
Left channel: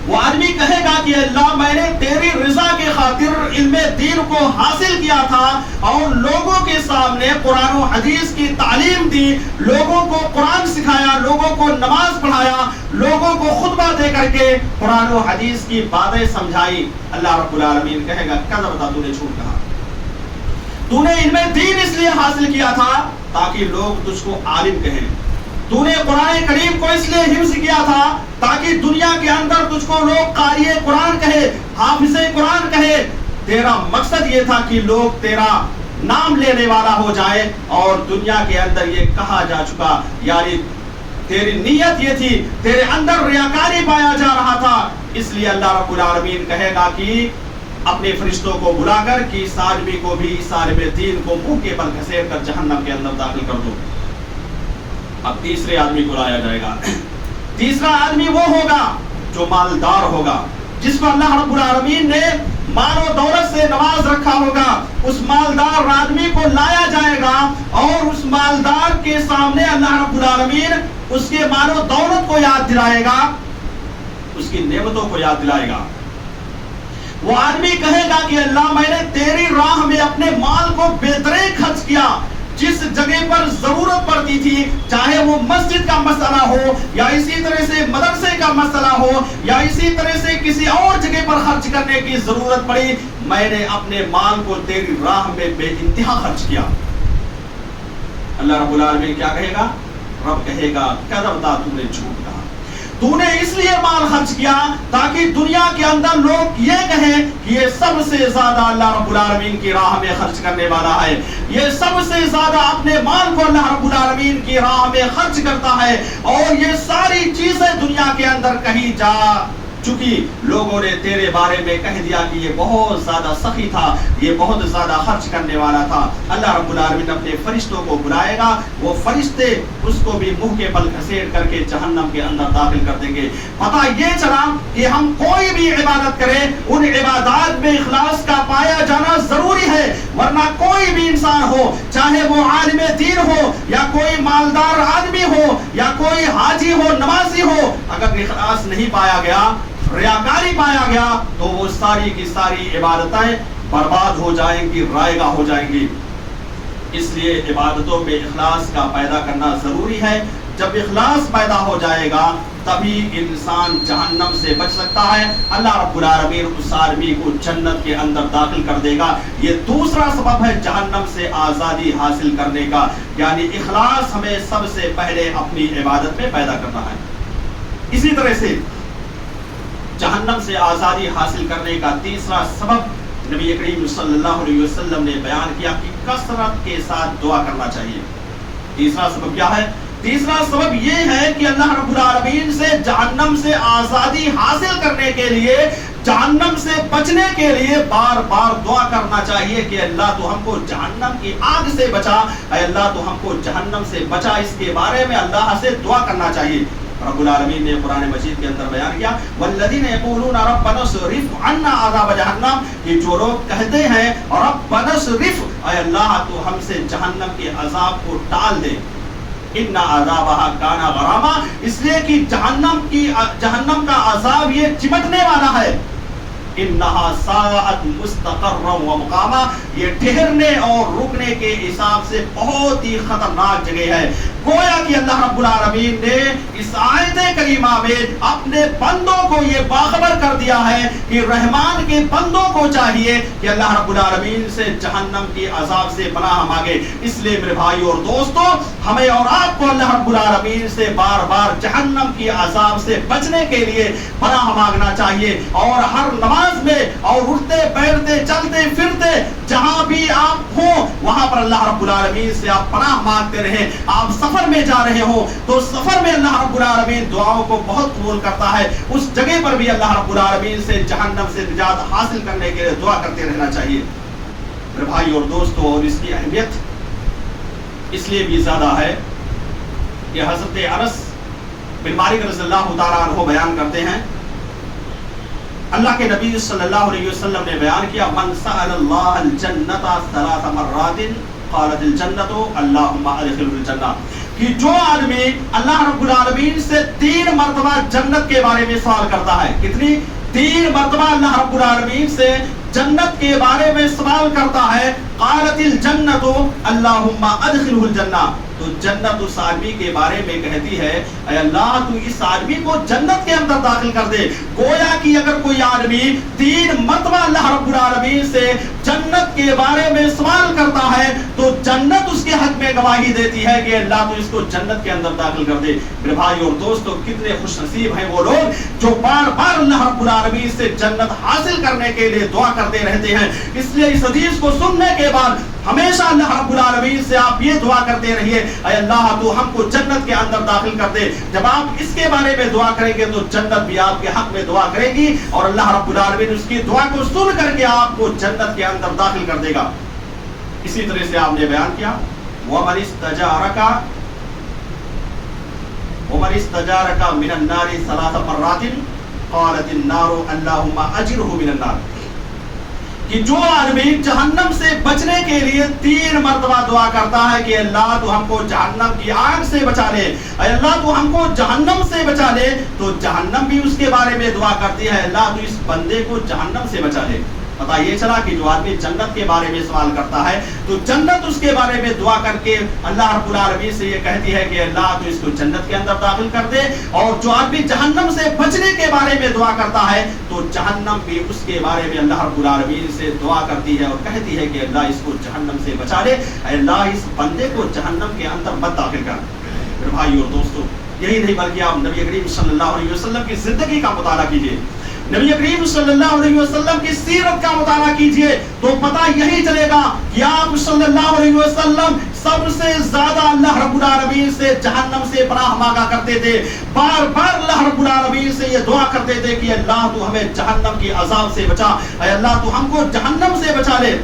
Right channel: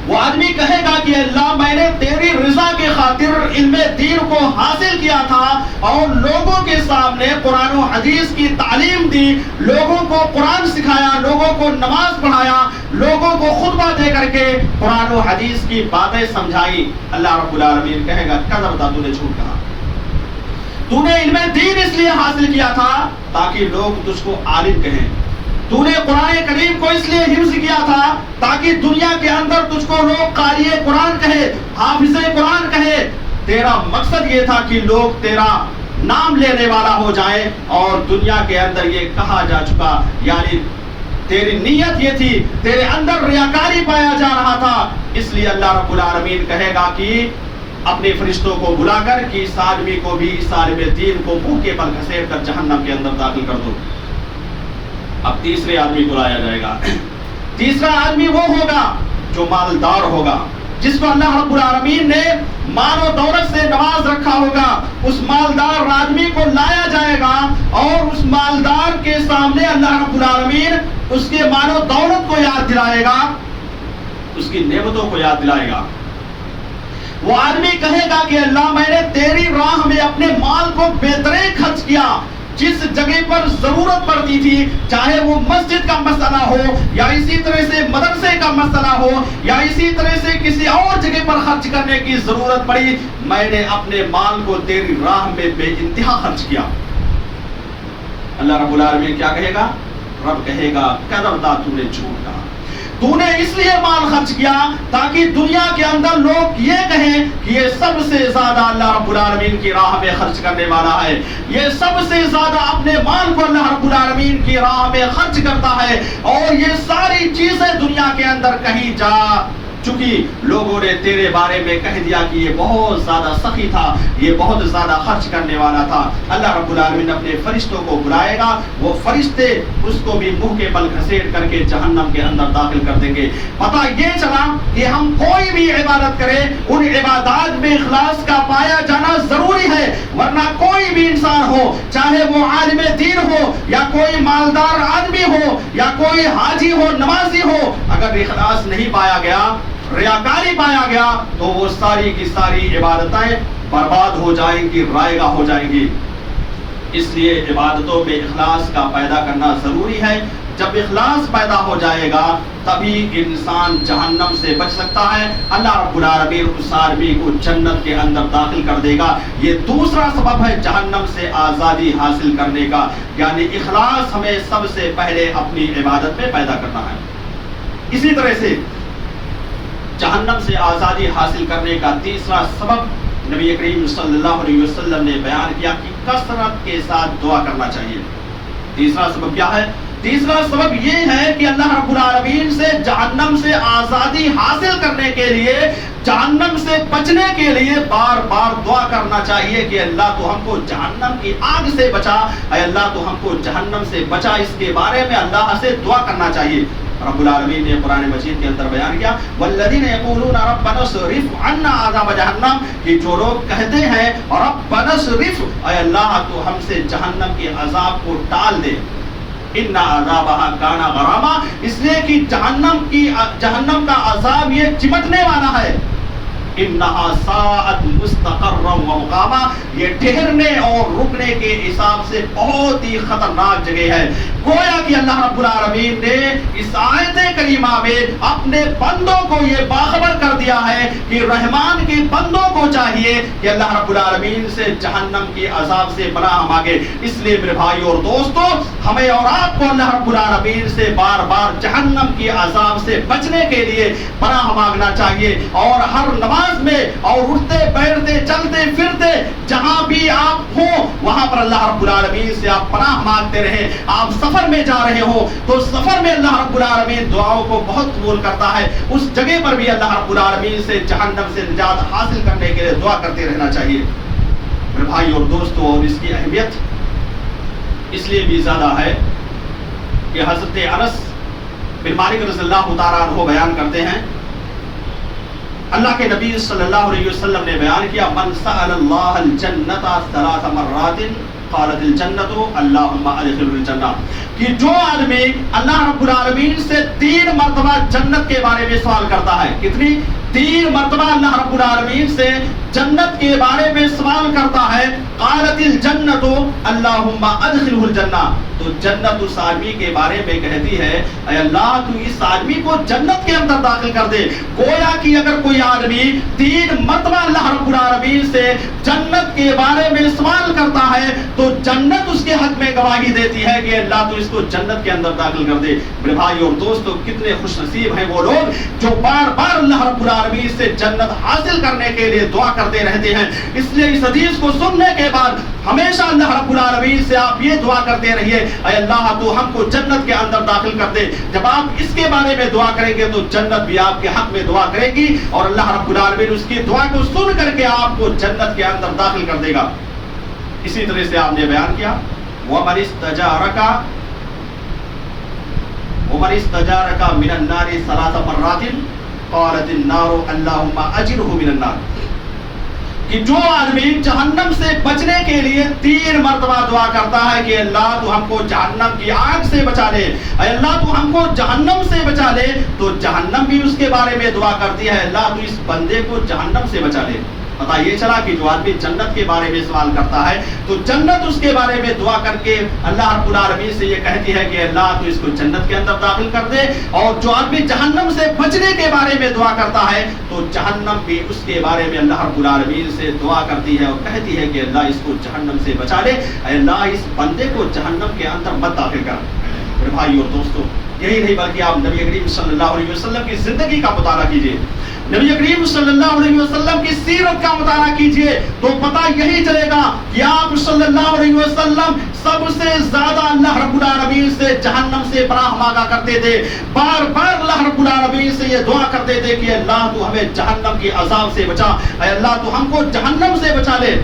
وہ آدمی کہے گا کہ اللہ میں نے تیری رضا کے خاطر علم دین کو حاصل کیا تھا اور لوگوں کے سامنے قرآن و حدیث کی تعلیم دی, لوگوں کو قرآن سکھایا, لوگوں کو نماز پڑھایا, لوگوں کو خطبہ دے کر کے قرآن و حدیث کی باتیں سمجھائی. اللہ رب العالمین کہے گا کذبتا, تو نے جھوٹ کہا, تو نے علم دین اس لیے حاصل کیا تھا تاکہ لوگ تجھ کو عالم کہیں, تو نے قرآن کریم کو اس لیے حفظ کیا تھا تاکہ دنیا کے اندر تجھ کو لوگ قاری قرآن کہے, حافظ قرآن کہے. تیرا مقصد یہ تھا کہ لوگ تیرا نام لینے والا ہو جائے اور دنیا کے اندر یہ کہا جا چکا, یعنی تیری نیت یہ تھی, تیرے اندر ریاکاری پایا جا رہا تھا. اس لیے اللہ رب العالمین کہے گا کہ اپنے فرشتوں کو بلا کر کہ اس آدمی کو بھی, اس عالم دین کو منہ کے بل گھسیٹ کر جہنم کے اندر داخل کر دو. اب تیسرے آدمی کو لایا جائے گا. تیسرا آدمی وہ ہوگا جو مالدار ہوگا, جس کو اللہ رب العالمین نے مال و دولت سے نواز رکھا ہوگا. اس مالدار آدمی کو لایا جائے گا اور اس مالدار کے سامنے اللہ رب العالمین اس کے مال و دولت کو یاد دلائے گا. اس کی نعمتوں کو یاد دلائے گا۔ وہ آدمی کہے گا کہ اللہ میں نے تیری راہ میں اپنے مال کو بہترین خرچ کیا، جس جگہ پر ضرورت پڑتی تھی، چاہے وہ مسجد کا مسئلہ ہو یا اسی طرح سے مدرسے کا مسئلہ ہو یا اسی طرح سے کسی اور جگہ پر خرچ کرنے کی ضرورت پڑی، میں نے اپنے مال کو تیری راہ میں بے انتہا خرچ کیا۔ اللہ رب العالمین کیا کہے گا؟ رب کہے گا کذبت، تو نے جھوٹ کہا، تو نے اس لیے مال خرچ کیا تاکہ دنیا کے اندر لوگ یہ کہیں کہ یہ سب سے زیادہ اللہ رب العالمین کی راہ میں خرچ کرنے والا ہے، یہ سب سے زیادہ اپنے مال کو اللہ رب العالمین کی راہ میں خرچ کرتا ہے، اور یہ ساری چیزیں دنیا کے اندر کہیں جا چکی، لوگوں نے تیرے بارے میں کہہ دیا کہ یہ بہت زیادہ سخی تھا، یہ بہت زیادہ خرچ کرنے والا تھا۔ اللہ رب العالمین اپنے فرشتوں کو بلائے گا، وہ فرشتے اس کو بھی منہ کے بل گھسیٹ کر کے جہنم کے اندر داخل کر دیں گے۔ پتہ یہ چلا کہ ہم کوئی بھی عبادت کریں، ان عبادات میں اخلاص کا پایا جانا ضروری ہے، ورنہ کوئی بھی انسان ہو، چاہے وہ عالم دین ہو یا کوئی مالدار آدمی ہو یا کوئی حاجی ہو، نمازی ہو، اگر اخلاص نہیں پایا گیا، ریاکاری پایا گیا، تو وہ ساری کی ساری عبادتیں برباد ہو جائیں گی، رائگہ ہو جائیں گی۔ اس لیے عبادتوں میں اخلاص کا پیدا کرنا ضروری ہے۔ جب اخلاص پیدا ہو جائے گا تبھی انسان جہنم سے بچ سکتا ہے، اللہ رب العالمین اس آدمی کو جنت کے اندر داخل کر دے گا۔ یہ دوسرا سبب ہے جہنم سے آزادی حاصل کرنے کا، یعنی اخلاص ہمیں سب سے پہلے اپنی عبادت میں پیدا کرنا ہے۔ اسی طرح سے جہنم سے آزادی حاصل کرنے کا تیسرا سبب نبی کریم صلی اللہ علیہ وسلم نے بیان کیا کہ کثرت کے ساتھ دعا کرنا چاہیے۔ تیسرا سبب کیا ہے؟ تیسرا سبب یہ ہے کہ اللہ رب العالمین سے جہنم سے آزادی حاصل کرنے کے لیے، جہنم سے بچنے کے لیے بار بار دعا کرنا چاہیے کہ اللہ تو ہم کو جہنم کی آگ سے بچا، اے اللہ تو ہم کو جہنم سے بچا۔ اس کے بارے میں اللہ سے دعا کرنا چاہیے۔ رب العالمین نے قرآن مجید کے اندر بیان کیا والذین یقولون ربنا اصرف عنا عذاب جہنم، کہ جو لوگ کہتے ہیں ربنا اصرف، اے اللہ تو ہم سے جہنم کے عذاب کو ٹال دے، ان عذابها کان غراما، اس لیے کہ جہنم کا عذاب یہ چمٹنے والا ہے، انہا ساعت مستقرا و مقاما، یہ ٹھہرنے اور رکنے کے حساب سے بہت ہی خطرناک جگہ ہے۔ گویا کہ اللہ رب العالمین نے اس آیت کریمہ میں اپنے بندوں کو یہ باخبر کر دیا ہے کہ رحمان کے بندوں کو چاہیے کہ اللہ رب العالمین سے جہنم کے عذاب سے پناہ مانگے۔ اس لیے میرے بھائی اور دوستو، ہمیں اور آپ کو اللہ رب العالمین سے بار بار جہنم کے عذاب سے بچنے کے لیے پناہ مانگنا چاہیے، اور ہر نماز میں اور اٹھتے بیٹھتے چلتے پھرتے جہاں بھی آپ ہوں وہاں پر اللہ رب العالمین سے آپ پناہ مانگتے رہیں۔ آپ سفر میں جا رہے ہو تو سفر میں اللہ رب العالمین دعاؤں کو بہت قبول کرتا ہے، اس جگہ پر بھی اللہ رب العالمین سے جہنم سے نجات حاصل کرنے کے لیے دعا کرتے رہنا چاہیے۔ میرے بھائی اور دوستو، اور اس کی اہمیت اس لیے بھی زیادہ ہے کہ حضرت انس بن مالک رضی اللہ تعالیٰ عنہ بیان کرتے ہیں، اللہ کے نبی صلی اللہ علیہ وسلم نے بیان کیا من سأل اللہ الجنت 3 مرات قالت الجنت اللہم ادخل الجنہ، کہ جو آدمی اللہ رب العالمین سے 3 مرتبہ جنت کے بارے میں سوال کرتا ہے، کتنی؟ 3 مرتبہ اللہ رب العالمین سے جنت کے بارے میں سوال کرتا ہے، قالت الجنت اللہم ادخلہ الجنہ، تو جنت اس آدمی کے بارے میں کہتی ہے اے اللہ تو اس آدمی کو جنت کے اندر داخل کر دے۔ گویا کہ اگر کوئی آدمی 3 مرتبہ اللہ رب العالمین سے جنت کے بارے میں سوال کرتا ہے تو جنت اس کے حق میں گواہی دیتی ہے کہ اللہ تو اس کو جنت کے اندر داخل کر دے۔ میرے بھائی اور دوستو، کتنے خوش نصیب ہیں وہ لوگ جو بار بار اللہ رب العالمین سے جنت حاصل کرنے کے لیے دعا کرتے رہتے ہیں۔ اس لیے اس حدیث کو سننے کے بعد ہمیشہ اللہ رب العالمین سے آپ یہ دعا کرتے رہیے اے اللہ تو ہم کو جنت کے اندر داخل کر دے۔ جب آپ اس کے بارے میں دعا کریں گے تو جنت بھی آپ کے حق میں دعا کرے گی، اور اللہ رب العالمین اس کی دعا کو سن کر کے آپ کو جنت کے اندر داخل کر دے گا۔ اسی طرح سے آپ نے بیان کیا وَمَنِ اسْتَجَارَكَ مِنَ النَّارِ 3 مرات قالت النار اللہم اجرہ من النار، کہ جو آدمی جہنم سے بچنے کے لیے 3 مرتبہ دعا کرتا ہے کہ اللہ تو ہم کو جہنم کی آگ سے بچا لے، اے اللہ تو ہم کو جہنم سے بچا لے، تو جہنم بھی اس کے بارے میں دعا کرتی ہے، اللہ تو اس بندے کو جہنم سے بچا لے۔ پتہ یہ چلا کہ جو آدمی جنت کے بارے میں سوال کرتا ہے تو جنت اس کے بارے میں دعا کر کے اللہ رب العالمین سے یہ کہتی ہے کہ اللہ تو اس کو جنت کے اندر داخل کر دے، اور جو آدمی جہنم سے بچنے کے بارے میں دعا کرتا ہے تو جہنم بھی اس کے بارے میں اللہ رب العالمین سے دعا کرتی ہے اور کہتی ہے کہ اللہ اس کو جہنم سے بچا لے، اے اللہ اس بندے کو جہنم کے اندر مت داخل کر۔ میرے بھائی اور دوستو، یہی نہیں بلکہ آپ نبی کریم صلی اللہ علیہ وسلم کی زندگی کا مطالعہ کیجئے، نبی کریم صلی اللہ علیہ وسلم کی سیرت کا مطالعہ کیجئے تو پتہ یہی چلے گا کہ آپ صلی اللہ علیہ وسلم سب سے زیادہ اللہ رب العالمین سے جہنم سے پناہ مانگا کرتے تھے، بار بار اللہ رب العالمین سے یہ دعا کرتے تھے کہ اللہ تو ہمیں جہنم کی عذاب سے بچا، اے اللہ تو ہم کو جہنم سے بچا لے۔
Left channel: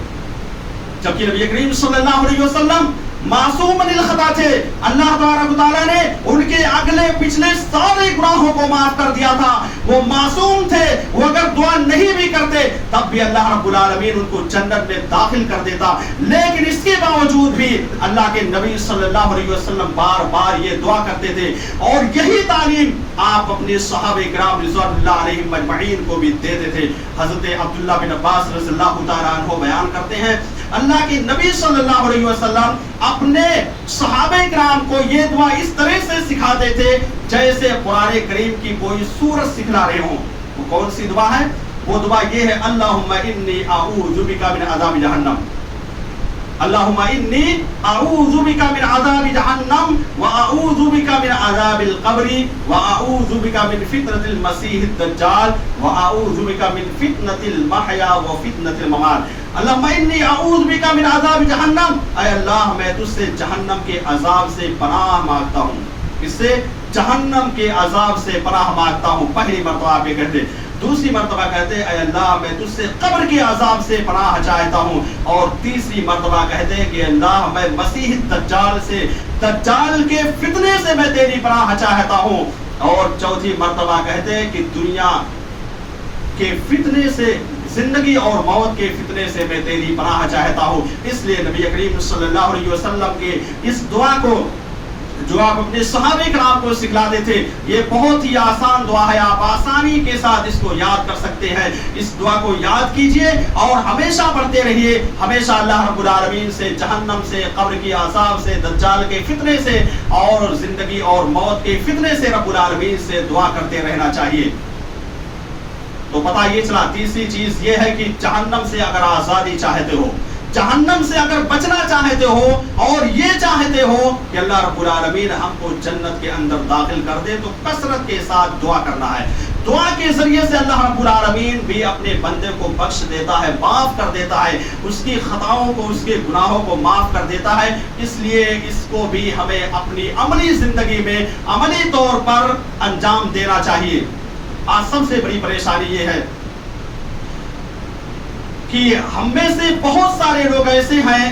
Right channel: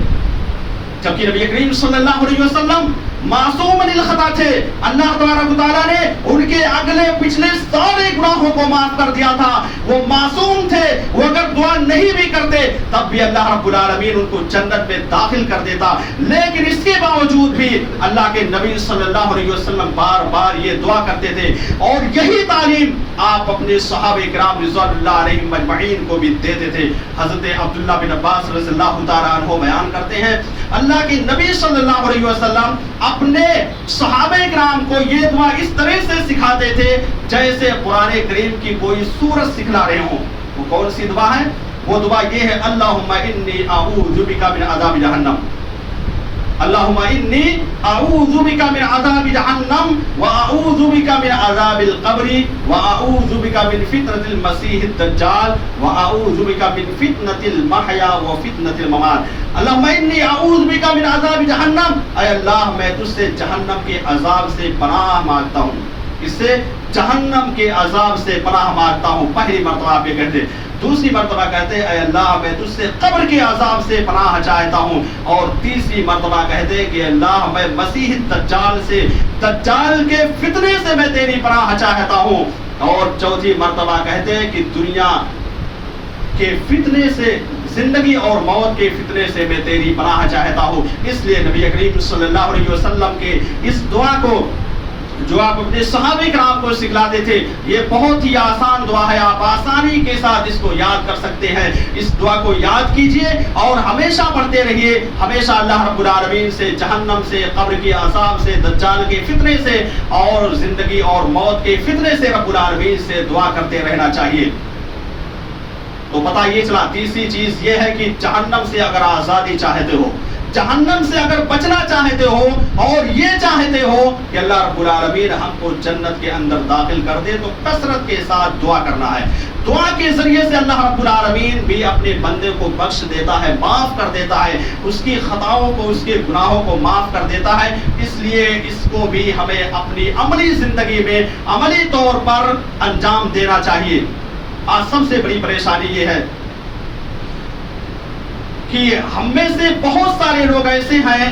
جبکہ نبی کریم صلی اللہ علیہ وسلم معصوم الخطا تھے، اللہ تبارک و تعالیٰ نے ان کے اگلے پچھلے سارے گناہوں کو معاف کر دیا تھا، وہ معصوم تھے، وہ اگر دعا نہیں بھی کرتے تب بھی اللہ رب العالمین ان کو جنت میں داخل کر دیتا، لیکن اس کے باوجود بھی اللہ کے نبی صلی اللہ علیہ وسلم بار بار یہ دعا کرتے تھے، اور یہی تعلیم آپ اپنے صحابہ کرام رضوان اللہ علیہم اجمعین کو بھی دیتے تھے۔ حضرت عبداللہ بن عباس رضی اللہ تعالیٰ عنہ بیان کرتے ہیں اللہ کے نبی صلی اللہ علیہ وسلم اپنے صحابہ کرام کو یہ دعا اس طرح سے سکھاتے تھے جیسے قرآن کریم کی کوئی سورت سکھلا رہے ہوں۔ وہ کون سی دعا ہے؟ وہ دعا یہ ہے اللہم انی اعوذ بک من عذاب جہنم، اللہم انی اعوذ بک من عذاب جہنم واعوذ بک من عذاب القبر واعوذ بک من فتنة المسیح الدجال واعوذ بک من فتنة المحیا وفتنة الممات۔ اللہم انی اعوذ بک من عذاب جہنم، اے اللہ میں تجھ سے جہنم کے عذاب سے پناہ مانگتا ہوں، اس سے جہنم کے عذاب سے پناہ مانگتا ہوں۔ پہلی مرتبہ آپ یہ کہتے، دوسری مرتبہ کہتے اے اللہ میں تجھ سے قبر کے عذاب سے پناہ چاہتا ہوں، اور تیسری مرتبہ کہتے کہ اللہ میں مسیح دجال سے، دجال کے فتنے سے میں تیری پناہ چاہتا ہوں، اور چوتھی مرتبہ کہتے کہ دنیا کے فتنے سے، زندگی اور موت کے فتنے سے میں تیری پناہ چاہتا ہوں۔ اس لیے نبی کریم صلی اللہ علیہ وسلم کے اس دعا کو جو آپ اپنے صحابہ کرام کو سکھلاتے تھے، یہ بہت ہی آسان دعا ہے، آپ آسانی کے ساتھ اس کو یاد کر سکتے ہیں۔ اس دعا کو یاد کیجئے اور ہمیشہ پڑھتے رہیے، ہمیشہ اللہ رب العالمین سے جہنم سے، قبر کی عذاب سے، دجال کے فتنے سے اور زندگی اور موت کے فتنے سے رب العالمین سے دعا کرتے رہنا چاہیے۔ تو پتہ یہ چلا، تیسری چیز یہ ہے کہ جہنم سے اگر آزادی چاہتے ہو، جہنم سے اگر بچنا چاہتے ہو اور یہ چاہتے ہو کہ اللہ رب العالمین ہم کو جنت کے اندر داخل کر دے، تو کثرت کے ساتھ دعا کرنا ہے۔ دعا کے ذریعے سے اللہ رب العالمین بھی اپنے بندے کو بخش دیتا ہے، معاف کر دیتا ہے، اس کی خطاؤں کو، اس کے گناہوں کو معاف کر دیتا ہے۔ اس لیے اس کو بھی ہمیں اپنی عملی زندگی میں عملی طور پر انجام دینا چاہیے۔ آج سب سے بڑی پریشانی یہ ہے کہ ہم میں سے بہت سارے لوگ ایسے ہیں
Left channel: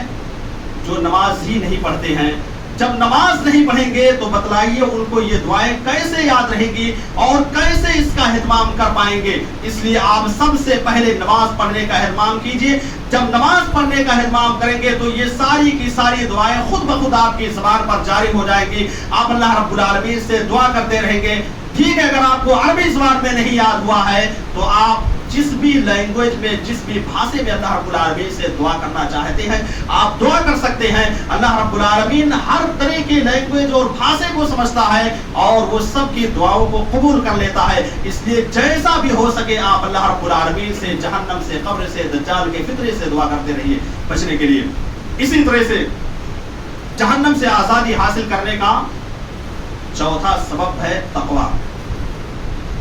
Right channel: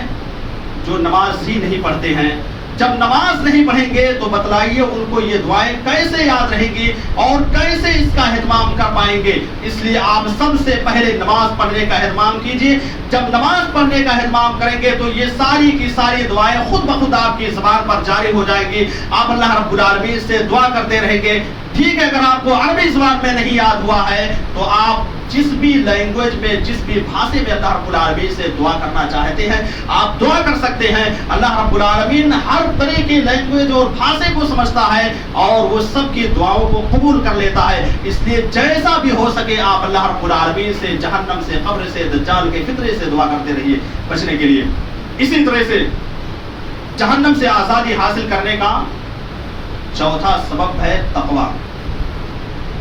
جو نماز ہی نہیں پڑھتے ہیں۔ جب نماز نہیں پڑھیں گے تو بتلائیے ان کو یہ دعائیں کیسے یاد رہیں گی اور کیسے اس کا اہتمام کر پائیں گے؟ اس لیے آپ سب سے پہلے نماز پڑھنے کا اہتمام کیجیے۔ جب نماز پڑھنے کا اہتمام کریں گے تو یہ ساری کی ساری دعائیں خود بخود آپ کی زبان پر جاری ہو جائیں گی۔ آپ اللہ رب العالمین سے دعا کرتے رہیں گے۔ ٹھیک ہے، اگر آپ کو عربی زبان میں نہیں یاد ہوا ہے تو آپ جس بھی لینگویج میں، جس بھی بھاشے میں اللہ رب العالمین سے دعا کرنا چاہتے ہیں آپ دعا کر سکتے ہیں۔ اللہ رب العالمین ہر طرح کی لینگویج اور بھاشے کو سمجھتا ہے اور وہ سب کی دعاؤں کو قبول کر لیتا ہے۔ اس لیے جیسا بھی ہو سکے آپ اللہ رب العالمین سے جہنم سے، قبر سے، دجال کے فتنے سے دعا کرتے رہیے بچنے کے لیے۔ اسی طرح سے جہنم سے آزادی حاصل کرنے کا چوتھا سبب ہے تقوی۔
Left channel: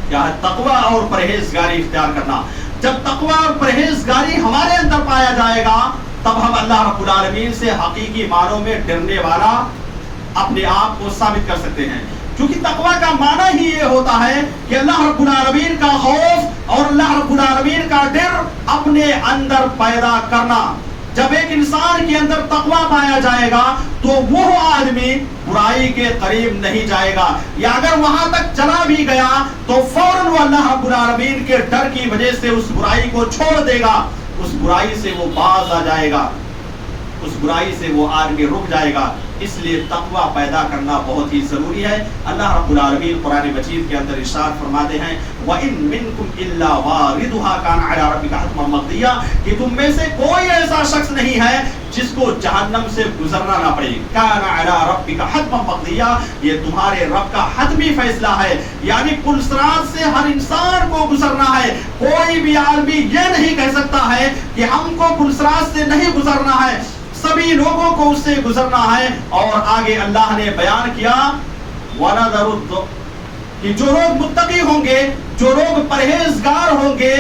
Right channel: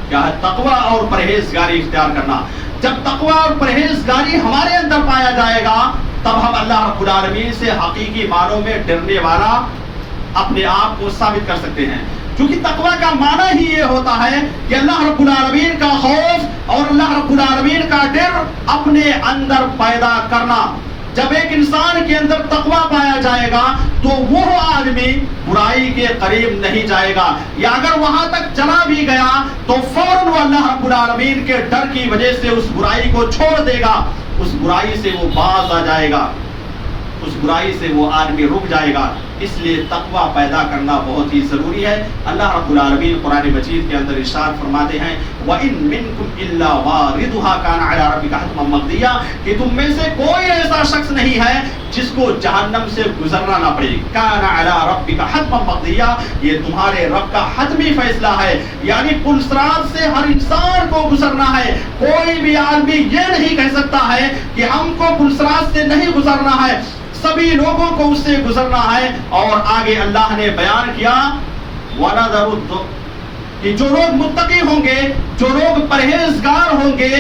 کیا ہے؟ تقوی اور پرہیزگاری اختیار کرنا۔ جب تقوی اور پرہیزگاری ہمارے اندر پایا جائے گا تب ہم اللہ رب العالمین سے حقیقی معنوں میں ڈرنے والا اپنے آپ کو ثابت کر سکتے ہیں، کیونکہ تقوی کا معنی ہی یہ ہوتا ہے کہ اللہ رب العالمین کا خوف اور اللہ رب العالمین کا ڈر اپنے اندر پیدا کرنا۔ جب ایک انسان کے اندر تقوی پایا جائے گا تو وہ آدمی برائی کے قریب نہیں جائے گا، یا اگر وہاں تک چلا بھی گیا تو فوراً وہ اللہ رب العالمین کے ڈر کی وجہ سے اس برائی کو چھوڑ دے گا۔ اس برائی سے وہ باز آ جائے گا، اس برائی سے وہ آدمی رک جائے گا۔ اس لیے تقوی پیدا کرنا بہت ہی ضروری ہے۔ اللہ رب العالمین قرآن مجید کے اندر ارشاد فرماتے ہیں وَإِن مِّنكُمْ إِلَّا وَارِدُهَا كَانَ عَلَىٰ رَبِّكَ حَتْمًا مَّقْضِيًّا، کہ تم میں سے کوئی ایسا شخص نہیں ہے جس کو جہنم سے گزرنا نہ پڑے۔ كَانَ عَلَىٰ رَبِّكَ حَتْمًا مَّقْضِيًّا، یہ تمہارے رب کا حتمی فیصلہ ہے، یعنی پل صراط سے ہر انسان کو گزرنا ہے۔ کوئی بھی آدمی یہ نہیں کہہ سکتا ہے کہ ہم کو پل صراط سے نہیں گزرنا ہے، سبھی لوگوں کو اس سے گزرنا ہے۔ اور آگے اللہ نے بیان کیا وَنَذَرُ، کہ جو لوگ متقی ہوں گے، جو لوگ پرہیزگار ہوں گے،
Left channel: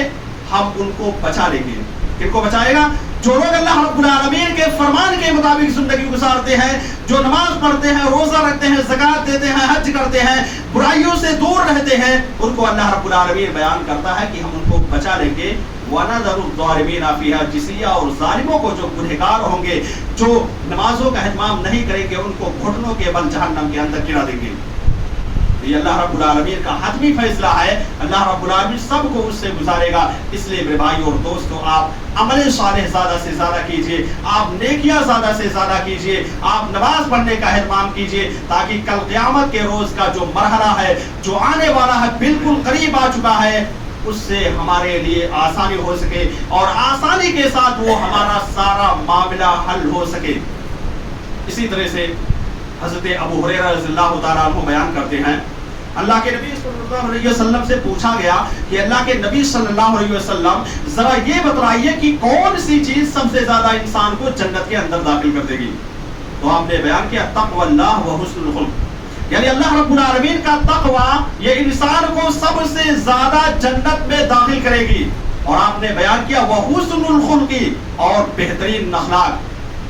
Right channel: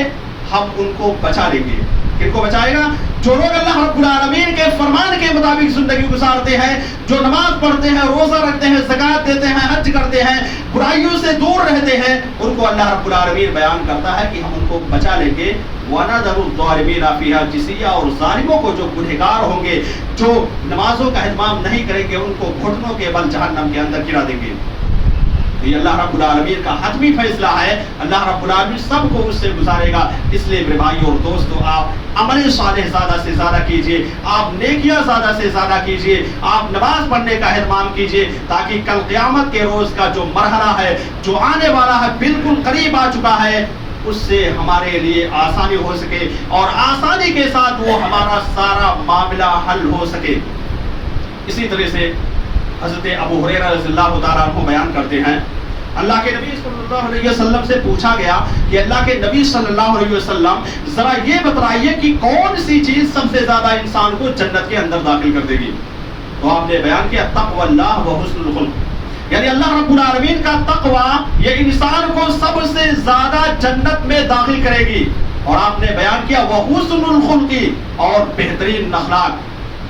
ہم ان کو بچا لیں گے۔ کن کو بچائے گا؟ جو لوگ اللہ رب العالمین کے فرمان کے مطابق زندگی گزارتے ہیں، جو نماز پڑھتے ہیں، روزہ رکھتے ہیں، زکوٰۃ دیتے ہیں، حج کرتے ہیں، برائیوں سے دور رہتے ہیں، ان کو اللہ رب العالمین بیان کرتا ہے کہ ہم ان کو بچا لیں گے۔ وَنَذَرُ الظَّالِمِينَ فِيهَا جِثِيًّا، اور ظالموں کو جو گنہگار ہوں گے، جو نمازوں کا اہتمام نہیں کریں گے، ان کو گھٹنوں کے بل جہنم کے اندر گرا دیں گے۔ یہ اللہ رب العالمین کا حتمی فیصلہ ہے، اللہ رب العالمین سب کو اس سے گزارے گا۔ اس لیے میرے بھائی اور دوستو، آپ عمل صالح زیادہ سے زیادہ کیجئے، آپ نیکیاں زیادہ سے زیادہ کیجئے، آپ نماز پڑھنے کا اہتمام کیجئے، تاکہ کل قیامت کے روز کا جو مرحلہ ہے، جو آنے والا ہے، بالکل قریب آ چکا ہے، اس سے ہمارے لیے آسانی ہو سکے اور آسانی کے ساتھ وہ ہمارا سارا معاملہ حل ہو سکے۔ اسی طرح سے حضرت ابو ہریرہ رضی اللہ تعالیٰ عنہ بیان کرتے ہیں، اللہ کے نبی صلی اللہ علیہ وسلم سے پوچھا گیا کہ اللہ کے نبی صلی اللہ علیہ وسلم ذرا یہ بتائیے کہ کون سی چیز سب سے زیادہ انسان کو جنت کے اندر داخل کر دے گی؟ تو آپ نے بیان کیا تقوی اللہ و حسن الخلق، یعنی اللہ رب العالمین کا تقوی یہ انسان کو سب سے زیادہ جنت میں داخل کرے گی۔ اور آپ نے بیان کیا وحسن الخلق، اور بہترین اخلاق،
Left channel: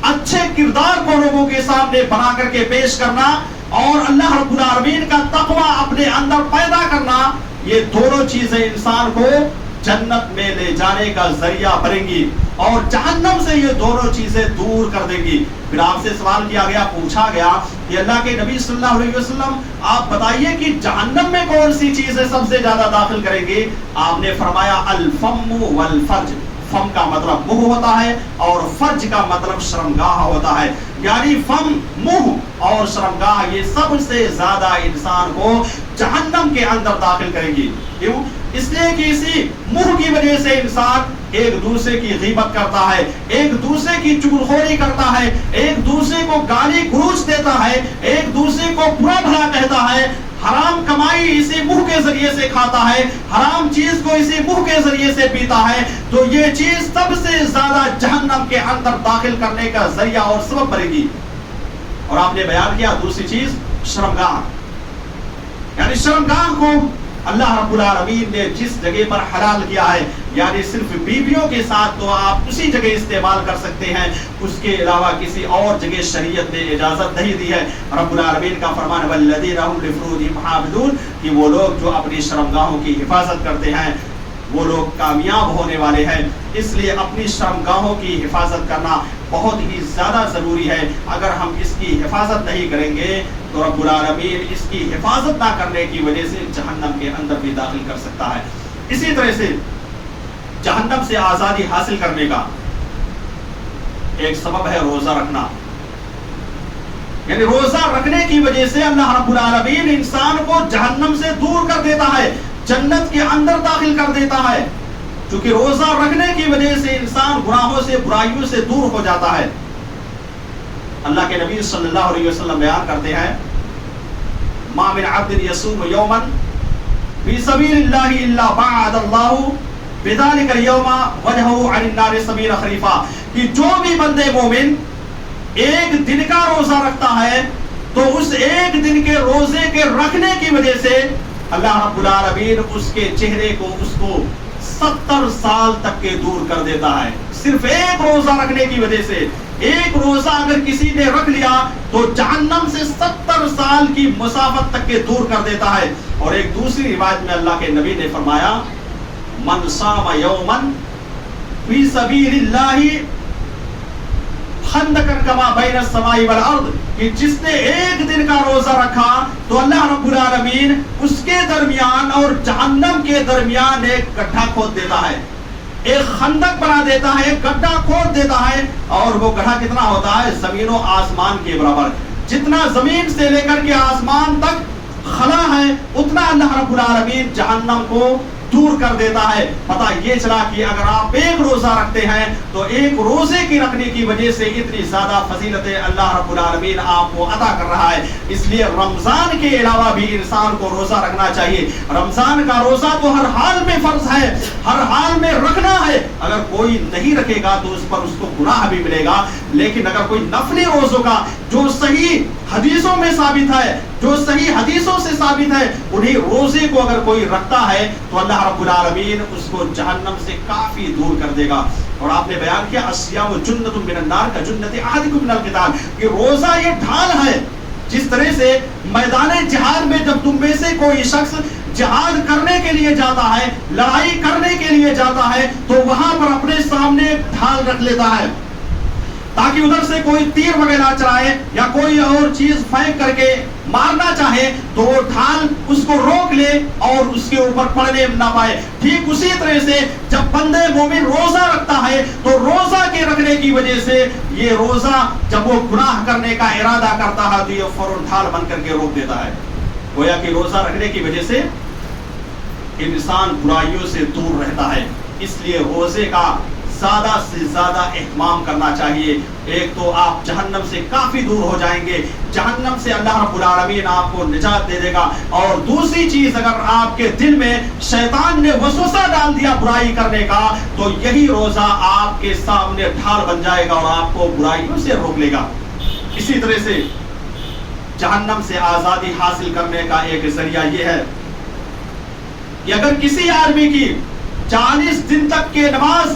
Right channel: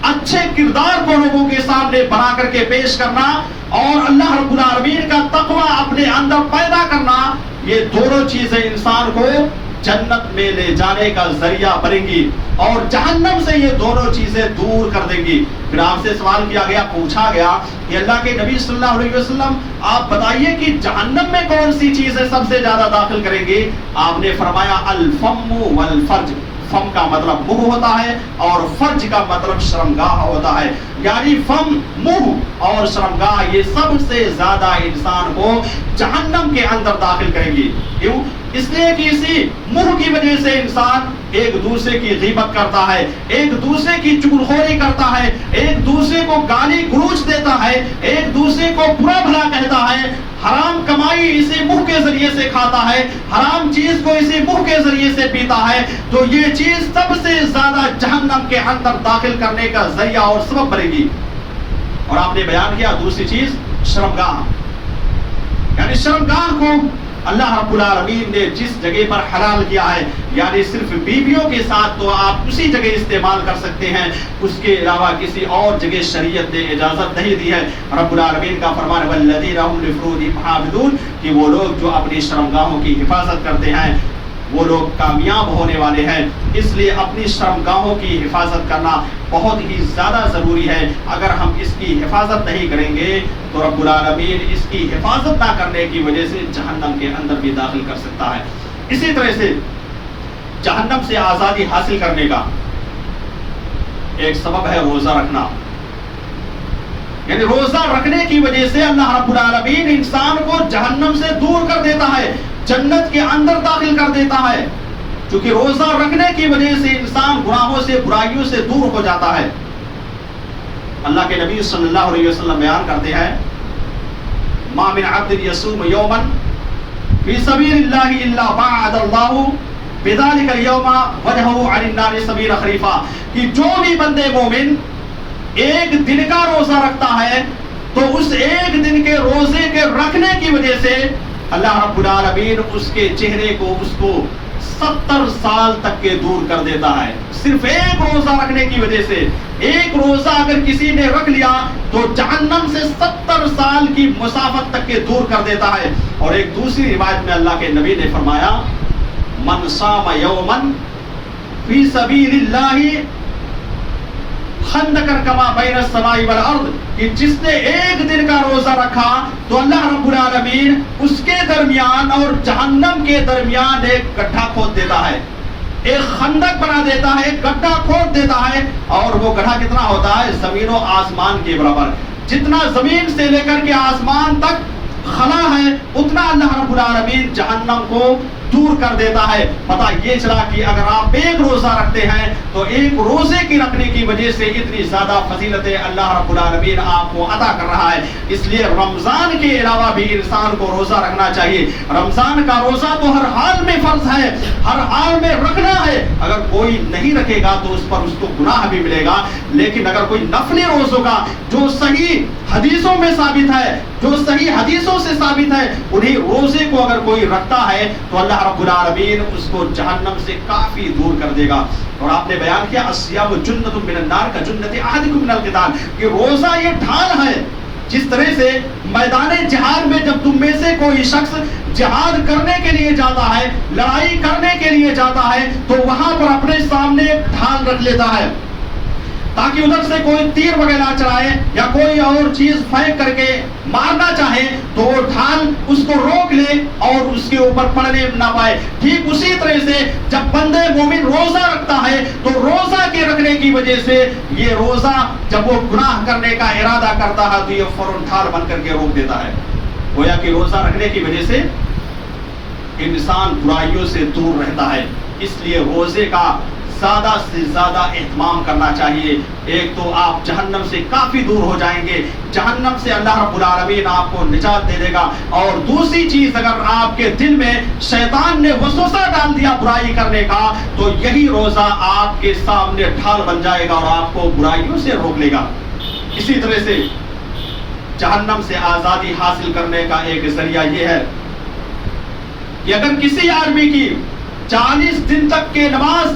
اچھے کردار کو لوگوں کے سامنے بنا کر کے پیش کرنا اور اللہ رب العالمین کا تقوی اپنے اندر پیدا کرنا، یہ دونوں چیزیں انسان کو جنت میں لے جانے کا ذریعہ بنیں گی اور جہنم سے یہ دونوں چیزیں دور کر دیں گی۔ پھر آپ سے سوال کیا گیا، پوچھا گیا کہ اللہ کے نبی صلی اللہ علیہ وسلم آپ بتائیے کہ جہنم میں کون سی چیزیں سب سے زیادہ داخل کریں گی؟ آپ نے فرمایا الفم والفرج، فم کا مطلب منہ ہوتا ہے اور فرج کا مطلب شرمگاہ ہوتا ہے، یعنی فم، منہ اور شرمگاہ یہ سب سے زیادہ انسان کو جہنم کے اندر داخل کریں گی۔ کیوں؟ اس لیے کہ اسی منہ کی وجہ سے انسان ایک دوسرے کی غیبت کرتا ہے، ایک دوسرے کی چغلخوری کرتا ہے، ایک دوسرے کو گالی گلوچ دیتا ہے، ایک دوسرے کو برا بھلا کہتا ہے، حرام کمائی اسی منہ کے ذریعے سے کھاتا ہے، حرام چیز کو اسی منہ کے ذریعے سے پیتا ہے۔ تو یہ چیز سب سے زیادہ جہنم کے اندر داخل کرنے کا ذریعہ اور سبب بنے گی۔ اور آپ نے بیان کیا دوسری چیز شرمگاہ، یعنی شرمگاہ کو اللہ رب العالمین نے جس جگہ پر حلال کیا ہے، یعنی صرف بیویوں کے ساتھ تو آپ اسی جگہ استعمال کر سکتے ہیں، اس کے علاوہ کسی اور جگہ شریعت نے اجازت نہیں دی ہے۔ رب العالمین کا فرمان والذین هم لفروجہم حافظون، کہ وہ لوگ جو اپنی شرمگاہوں کی حفاظت کرتے ہیں وہ لوگ کامیاب ہونے والے ہیں۔ اس لیے اپنی شرمگاہوں کی حفاظت کرنا بہت ہی زیادہ ضروری ہے۔ اگر ہم اس کی حفاظت نہیں کریں گے تو رب العالمین اس کی حفاظت نہ کرنے کی وجہ سے جہنم کے اندر بھی داخل کر سکتا ہے۔ اسی طرح سے جہنم سے آزادی حاصل کرنے کا ایک سبب ہے روزہ رکھنا، یعنی روزہ رکھنے کی وجہ سے اللہ رب العالمین انسان کو جہنم سے دور کر دیتا ہے، جنت کے اندر داخل کر دیتا ہے، کیونکہ روزہ رکھنے کی وجہ سے انسان گناہوں سے، برائیوں سے دور ہو جاتا ہے۔ اللہ کے نبی صلی اللہ علیہ وسلم بیان کرتے ہیں ما من عبد یصوم یوما فی سبیل اللہ الا بعد اللہ بذلک اليوم وجهه عن النار 70 خریفہ، کہ جو بھی بندے مومن ایک دن کا روزہ رکھتا ہے تو اس ایک دن کے روزے کے رکھنے کی وجہ سے اللہ رب العالمین اس کے چہرے کو، اس کو 70 سال تک کے دور کر دیتا ہے، صرف ایک روزہ رکھنے کی وجہ سے۔ ایک روزہ اگر کسی نے رکھ لیا تو جہنم سے 70 سال کی مسافت تک کے دور کر دیتا ہے۔ اور ایک دوسری روایت میں اللہ کے نبی نے فرمایا من صام یوما فی سبیل اللہ خندقا کما بین السماء والارض، کہ جس نے ایک دن کا روزہ رکھا تو اللہ رب العالمین اس کے درمیان اور جہنم کے درمیان ایک گڈھا کھود دیتا ہے، ایک خندق بنا دیتا ہے، ایک گڈھا کھود دیتا ہے، اور وہ گڈھا کتنا ہوتا ہے؟ زمین و آسمان کے برابر. جتنا زمین سے لے کر کے آسمان تک خلا ہے اتنا اللہ رب العالمین جہنم کو دور کر دیتا ہے. پتہ یہ چلا کہ اگر آپ ایک روزہ رکھتے ہیں تو ایک روزے کی رکھنے کی وجہ سے اتنی زیادہ فضیلتیں اللہ رب العالمین آپ کو عطا کر رہا ہے. اس لیے رمضان کے علاوہ بھی انسان کو روزہ رکھنا چاہیے. رمضان کا روزہ تو ہر حال میں فرض ہے، ہر حال میں رکھنا ہے. اگر کوئی نہیں رکھے گا تو اس پر اس کو گناہ بھی ملے گا. لیکن اگر کوئی نفلی روزوں کا جو صحیح حدیثوں میں ثابت ہے، جو صحیح حدیثوں سے ثابت ہے، انہیں روزے کو اگر کوئی رکھتا ہے تو اللہ رب العالمین اس کو جہنم سے کافی دور کر دے گا. اور آپ نے بیان کیا الصیام جنۃ من النار کا جنۃ احدکم من القتال، کہ روزہ یہ ڈھال ہے. جس طرح سے میدان جہاد میں جب تم میں سے کوئی شخص جہاد کرنے کے لیے جاتا ہے، لڑائی کرنے کے لیے جاتا ہے، تو وہاں پر اپنے سامنے ڈھال رکھ لیتا ہے تاکہ ادھر سے کوئی تیر وغیرہ چلائے یا کوئی اور چیز پھینک کر کے مارنا چاہے تو وہ ڈھال اس کو روک لے اور اس کے اوپر پڑنے نہ پائے. ٹھیک اسی طرح سے جب بندے مومن روزہ رکھتا ہے تو روزہ کے رکھنے کی وجہ سے یہ روزہ جب وہ گناہ کرنے کا ارادہ کرتا ہے تو یہ فوراً ڈھال بن کر کے روک دیتا ہے. گویا کہ روزہ رکھنے کی وجہ سے انسان برائیوں سے دور رہتا ہے. اس لیے روزے کا زیادہ سے زیادہ اہتمام کرنا چاہیے. ایک تو آپ جہنم سے کافی دور ہو جائیں گے، جہنم سے اللہ رب العالمین آپ کو نجات دے دے گا. اور دوسری چیز، اگر آپ کے دل میں شیطان نے وسوسہ ڈال دیا برائی کرنے کا تو یہی روزہ آپ کے سامنے ڈھال بن جائے گا اور آپ کو برائیوں سے روک لے گا. اسی طرح سے جہنم سے آزادی حاصل کرنے کا ایک ذریعہ یہ ہے کہ اگر کسی آدمی کی 40 دن تک کے نماز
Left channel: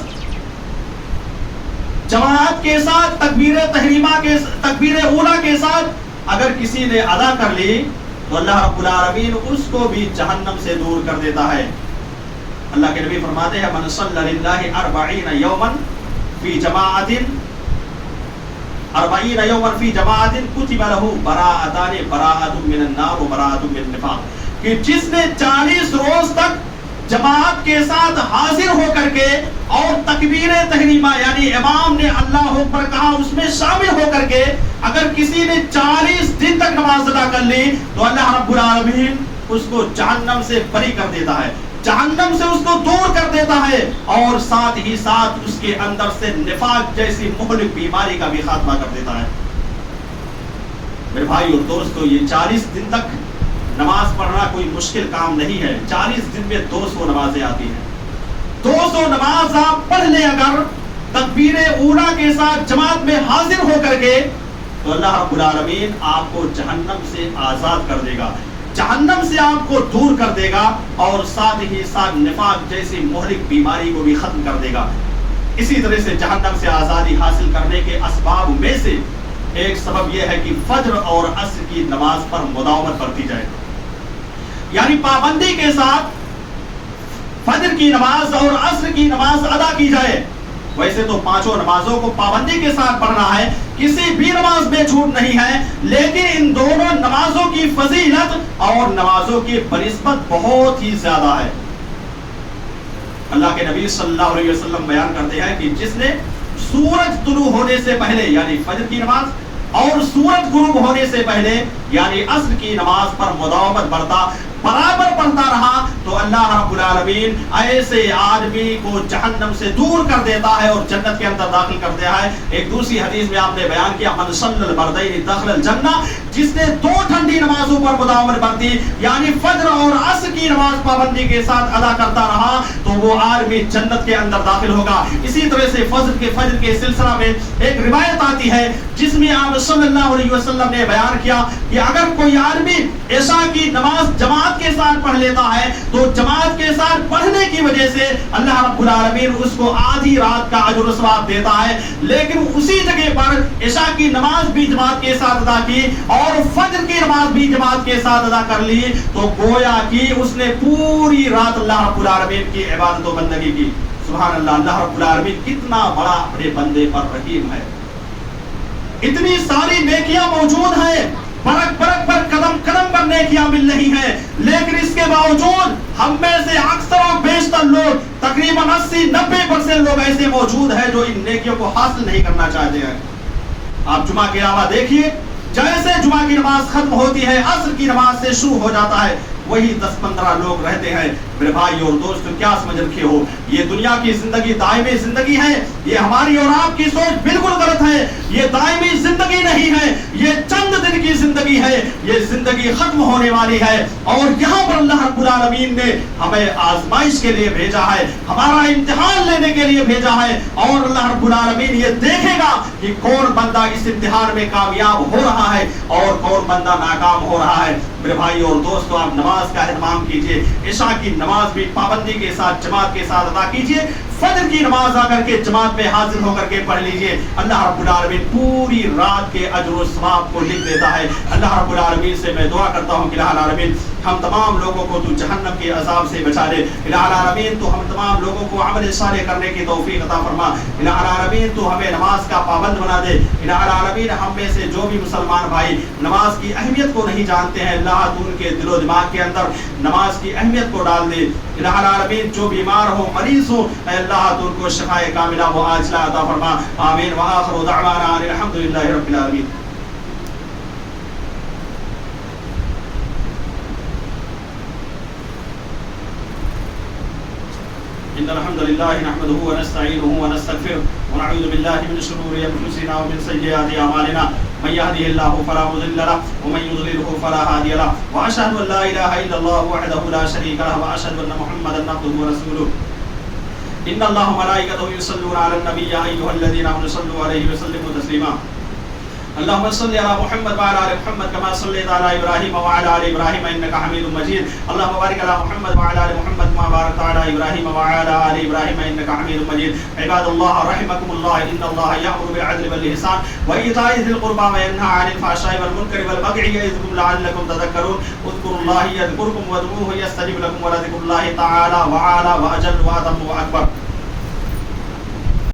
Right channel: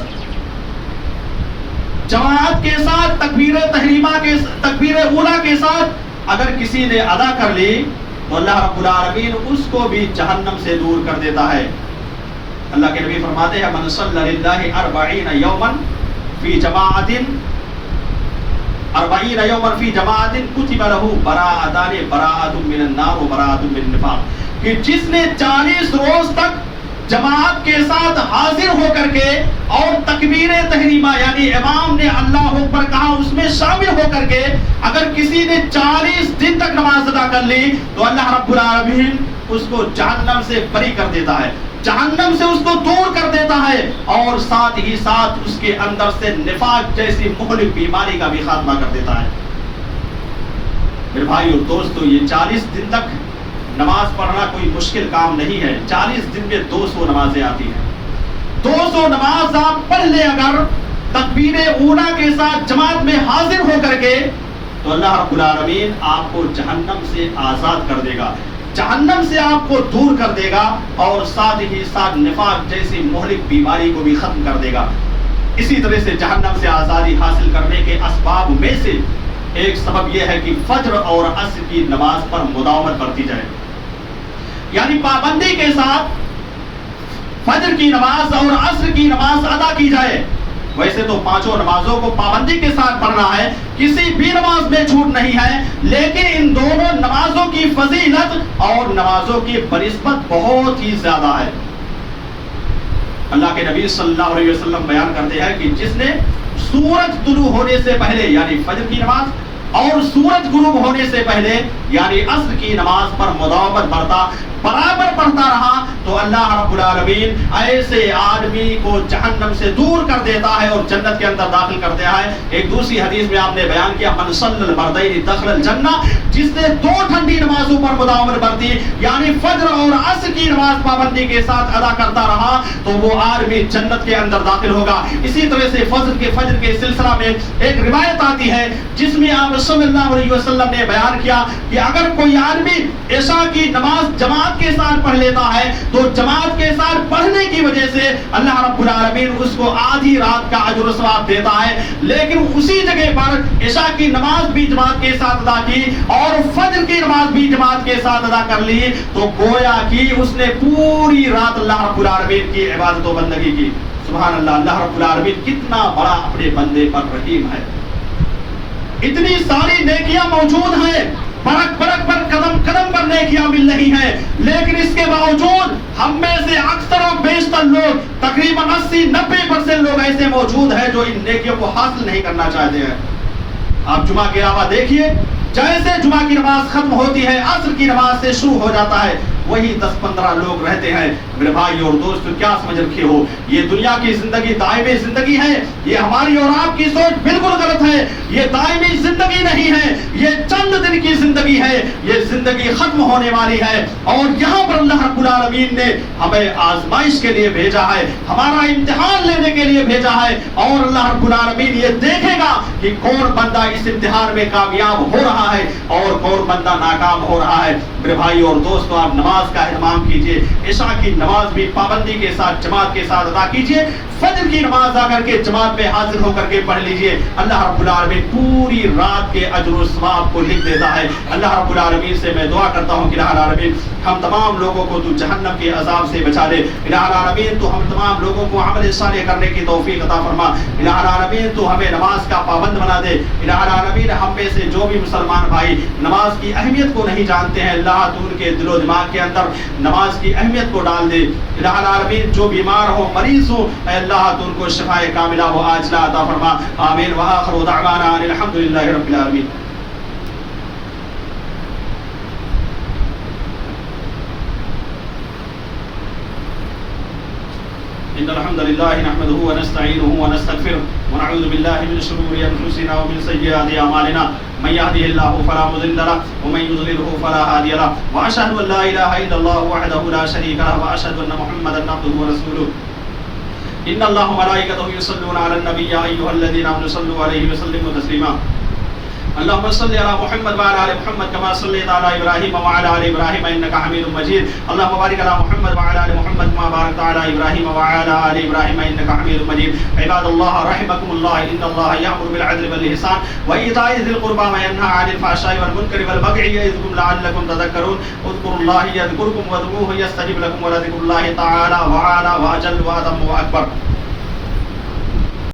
جماعت کے ساتھ تکبیر تحریمہ کے تکبیر اولا کے ساتھ اگر کسی نے ادا کر لی تو اللہ رب العالمین اس کو بھی جہنم سے دور کر دیتا ہے. اللہ کے نبی فرماتے ہیں من صلی للہ 40 یوما فی جماعت 40 یوما فی جماعت کتب له براءتان براءۃ من النار و براءۃ من النفاق، کہ جس نے 40 روز تک جماعت کے ساتھ حاضر ہو کر کے اور تکبیر تحریمہ یعنی امام نے اللہ اکبر کہا اس میں شامل ہو کر کے اگر کسی نے 40 دن تک نماز ادا کر لی تو اللہ رب العالمین اس کو جہنم سے بری کر دیتا ہے، جہنم سے اس کو دور کر دیتا ہے اور ساتھ ہی ساتھ اس کے اندر سے نفاق جیسی مہلک بیماری کا بھی خاتمہ کر دیتا ہے. میرے بھائی اور دوستو، یہ 40 دن تک نماز پڑھنا کوئی مشکل کام نہیں ہے. 40 دن میں 200 نمازیں آتی ہیں. 200 نماز آپ پڑھ لیں اگر تکبیر اولا کے ساتھ جماعت میں حاضر ہو کر کے تو اللہ رب العالمین آپ کو جہنم سے آزاد کر دے گا، جہنم سے آپ کو دور کر دے گا اور ساتھ ہی ساتھ نفاق جیسی مہلک بیماری کو بھی ختم کر دے گا. اسی طرح سے جہنم سے آزادی حاصل کرنے کے اسباب میں سے ایک سبب یہ ہے کہ فجر اور عصر کی نماز پر مداومت برتی جائے، یعنی پابندی کے ساتھ فجر کی نماز اور عصر کی نماز ادا کی جائے. ویسے تو پانچوں نمازوں کو پابندی کے ساتھ پڑھنا ہے، کسی بھی نماز میں چھوٹ نہیں ہے، لیکن ان دونوں نمازوں کی فضیلت اور نمازوں کی بنسبت بہت ہی زیادہ ہے. اللہ کے نبی صلی اللہ علیہ وسلم بیان کرتے ہیں کہ جس نے سورج طلوع ہونے سے پہلے یعنی فجر کی نماز اور سورج غروب ہونے سے پہلے یعنی عصر کی نماز پر مداومت برتا برابر پڑھتا رہا تو اللہ رب العالمین ایسے آدمی کو جہنم سے دور کر دیتا ہے اور جنت کے اندر داخل کر دیا ہے. ایک دوسری حدیث میں آپ نے بیان کیا من صلی البردین دخل الجنہ، جس نے 2 ٹھنڈی نمازوں پر مداومت برتی یعنی فجر اور عصر کی نماز پابندی کے ساتھ ادا کرتا رہا تو وہ آدمی جنت کے اندر داخل ہوگا. اسی طرح سے فجر کے سلسلہ میں ایک روایت آتی ہے جس میں آپ صلی اللہ علیہ وسلم نے بیان کیا کہ اگر کوئی آدمی عشاء کی نماز جماعت کے ساتھ پڑھ لیتا ہے تو جماعت کے ساتھ پڑھنے کی وجہ سے اللہ رب العالمین اس کو آدھی رات کا اجر و ثواب دیتا ہے. لیکن اسی جگہ پر عشاء کی نماز بھی جماعت کے ساتھ ادا کی اور فجر کی نماز بھی جماعت کے ساتھ ادا کر لی تو گویا کہ اس نے پوری رات اللہ رب العالمین کی عبادت و بندگی کی. سبحان اللہ، اللہ رب العالمین کتنا بڑا اپنے بندے پر رحیم ہے. اتنی ساری نیکیاں موجود ہیں، برک برک پر قدم قدم پر نیکیاں مل رہی ہیں، لیکن اس کے باوجود ہم میں سے اکثر و بیشتر لوگ تقریباً 80-90% لوگ ایسے موجود ہیں جو ان نیکیوں کو حاصل نہیں کرنا چاہتے ہیں۔ آپ جمعہ کے علاوہ دیکھیے، جیسے جمعہ کی نماز ختم ہوتی ہے، عصر کی نماز سے شروع ہو جاتا ہے، وہی 10-15 لوگ رہتے ہیں۔ میرے بھائی اور دوستو، کیا سمجھ رکھے ہو، یہ دنیا کی زندگی دائمی زندگی ہے؟ یہ ہماری اور آپ کی سوچ بالکل غلط ہے۔ یہ دائمی زندگی نہیں ہے، یہ چند دن کی زندگی ہے، یہ زندگی ختم ہونے والی ہے۔ اور یہاں پر اللہ رب العالمین نے ہمیں آزمائش کے لیے بھیجا ہے، ہمارا امتحان لینے کے لیے بھیجا ہے، اور اللہ رب العالمین یہ دیکھے گا کہ کون بندہ اس امتحان میں کامیاب ہو رہا ہے اور کون بندہ ناکام ہو رہا ہے۔ میرے بھائی اور دوستو، آپ نماز کا اہتمام کیجئے، عشاء کی نماز بھی پابندی کے ساتھ جماعت کے ساتھ ادا کیجئے، فجر کی نماز آ کر کے جماعت میں حاضر ہو کر کے پڑھ لیجئے۔ اللہ رب العالمین پوری رات کے اجر و ثواب کو لکھ دیتا ہے۔ اللہ رب العالمین سے میں دعا کرتا ہوں کہ الہ العالمین ہم تمام لوگوں کو تو جہنم کے عذاب سے بچا دے۔ الہ العالمین تو ہم تمام لوگوں کو عمل صالح کرنے کی توفیق عطا فرما۔ الہ العالمین تو ہمیں نماز کا پابند بنا دے۔ الہ العالمین ہم میں سے جو بھی مسلمان بھائی نماز کی اہمیت کو نہیں جانتے ہیں، اللہ تو ان کے دل و دماغ کے اندر نماز کی اہمیت کو ڈال دے۔ الہ العالمین جو بیمار ہو، مریض ہو، اے اللہ تو ان کو شفاء کاملہ و عاجلہ عطا فرما۔ آمین وآخر دعوانا ان الحمدللہ رب العالمین۔ إن الحمد لله نحمده ونستعينه ونستغفره ونعوذ بالله من شرور أنفسنا ومن سيئات أعمالنا من يهده الله فلا مضل له ومن يضلله فلا هادي له وأشهد أن لا إله إلا الله وحده لا شريك له وأشهد أن محمدا عبده ورسوله إن الله وملائكته يصلون على النبي يا أيها الذين آمنوا صلوا عليه وسلموا تسليما اللهم صل على محمد وعلى ال محمد كما صليت على ابراهيم وعلى ال ابراهيم انك حميد مجيد اللهم بارك على محمد وعلى ال محمد كما باركت على ابراهيم وعلى ال ابراهيم انك حميد مجيد عباد الله رحمكم الله ان الله يأمر بالعدل والاحسان وايتاء ذي القربى وينهى عن الفحشاء والمنكر والبغي يعظكم لعلكم تذكرون اذكروا الله يذكركم وادعوه يستجب لكم ولذكر الله تعالى وعلى واجل واتم واكبر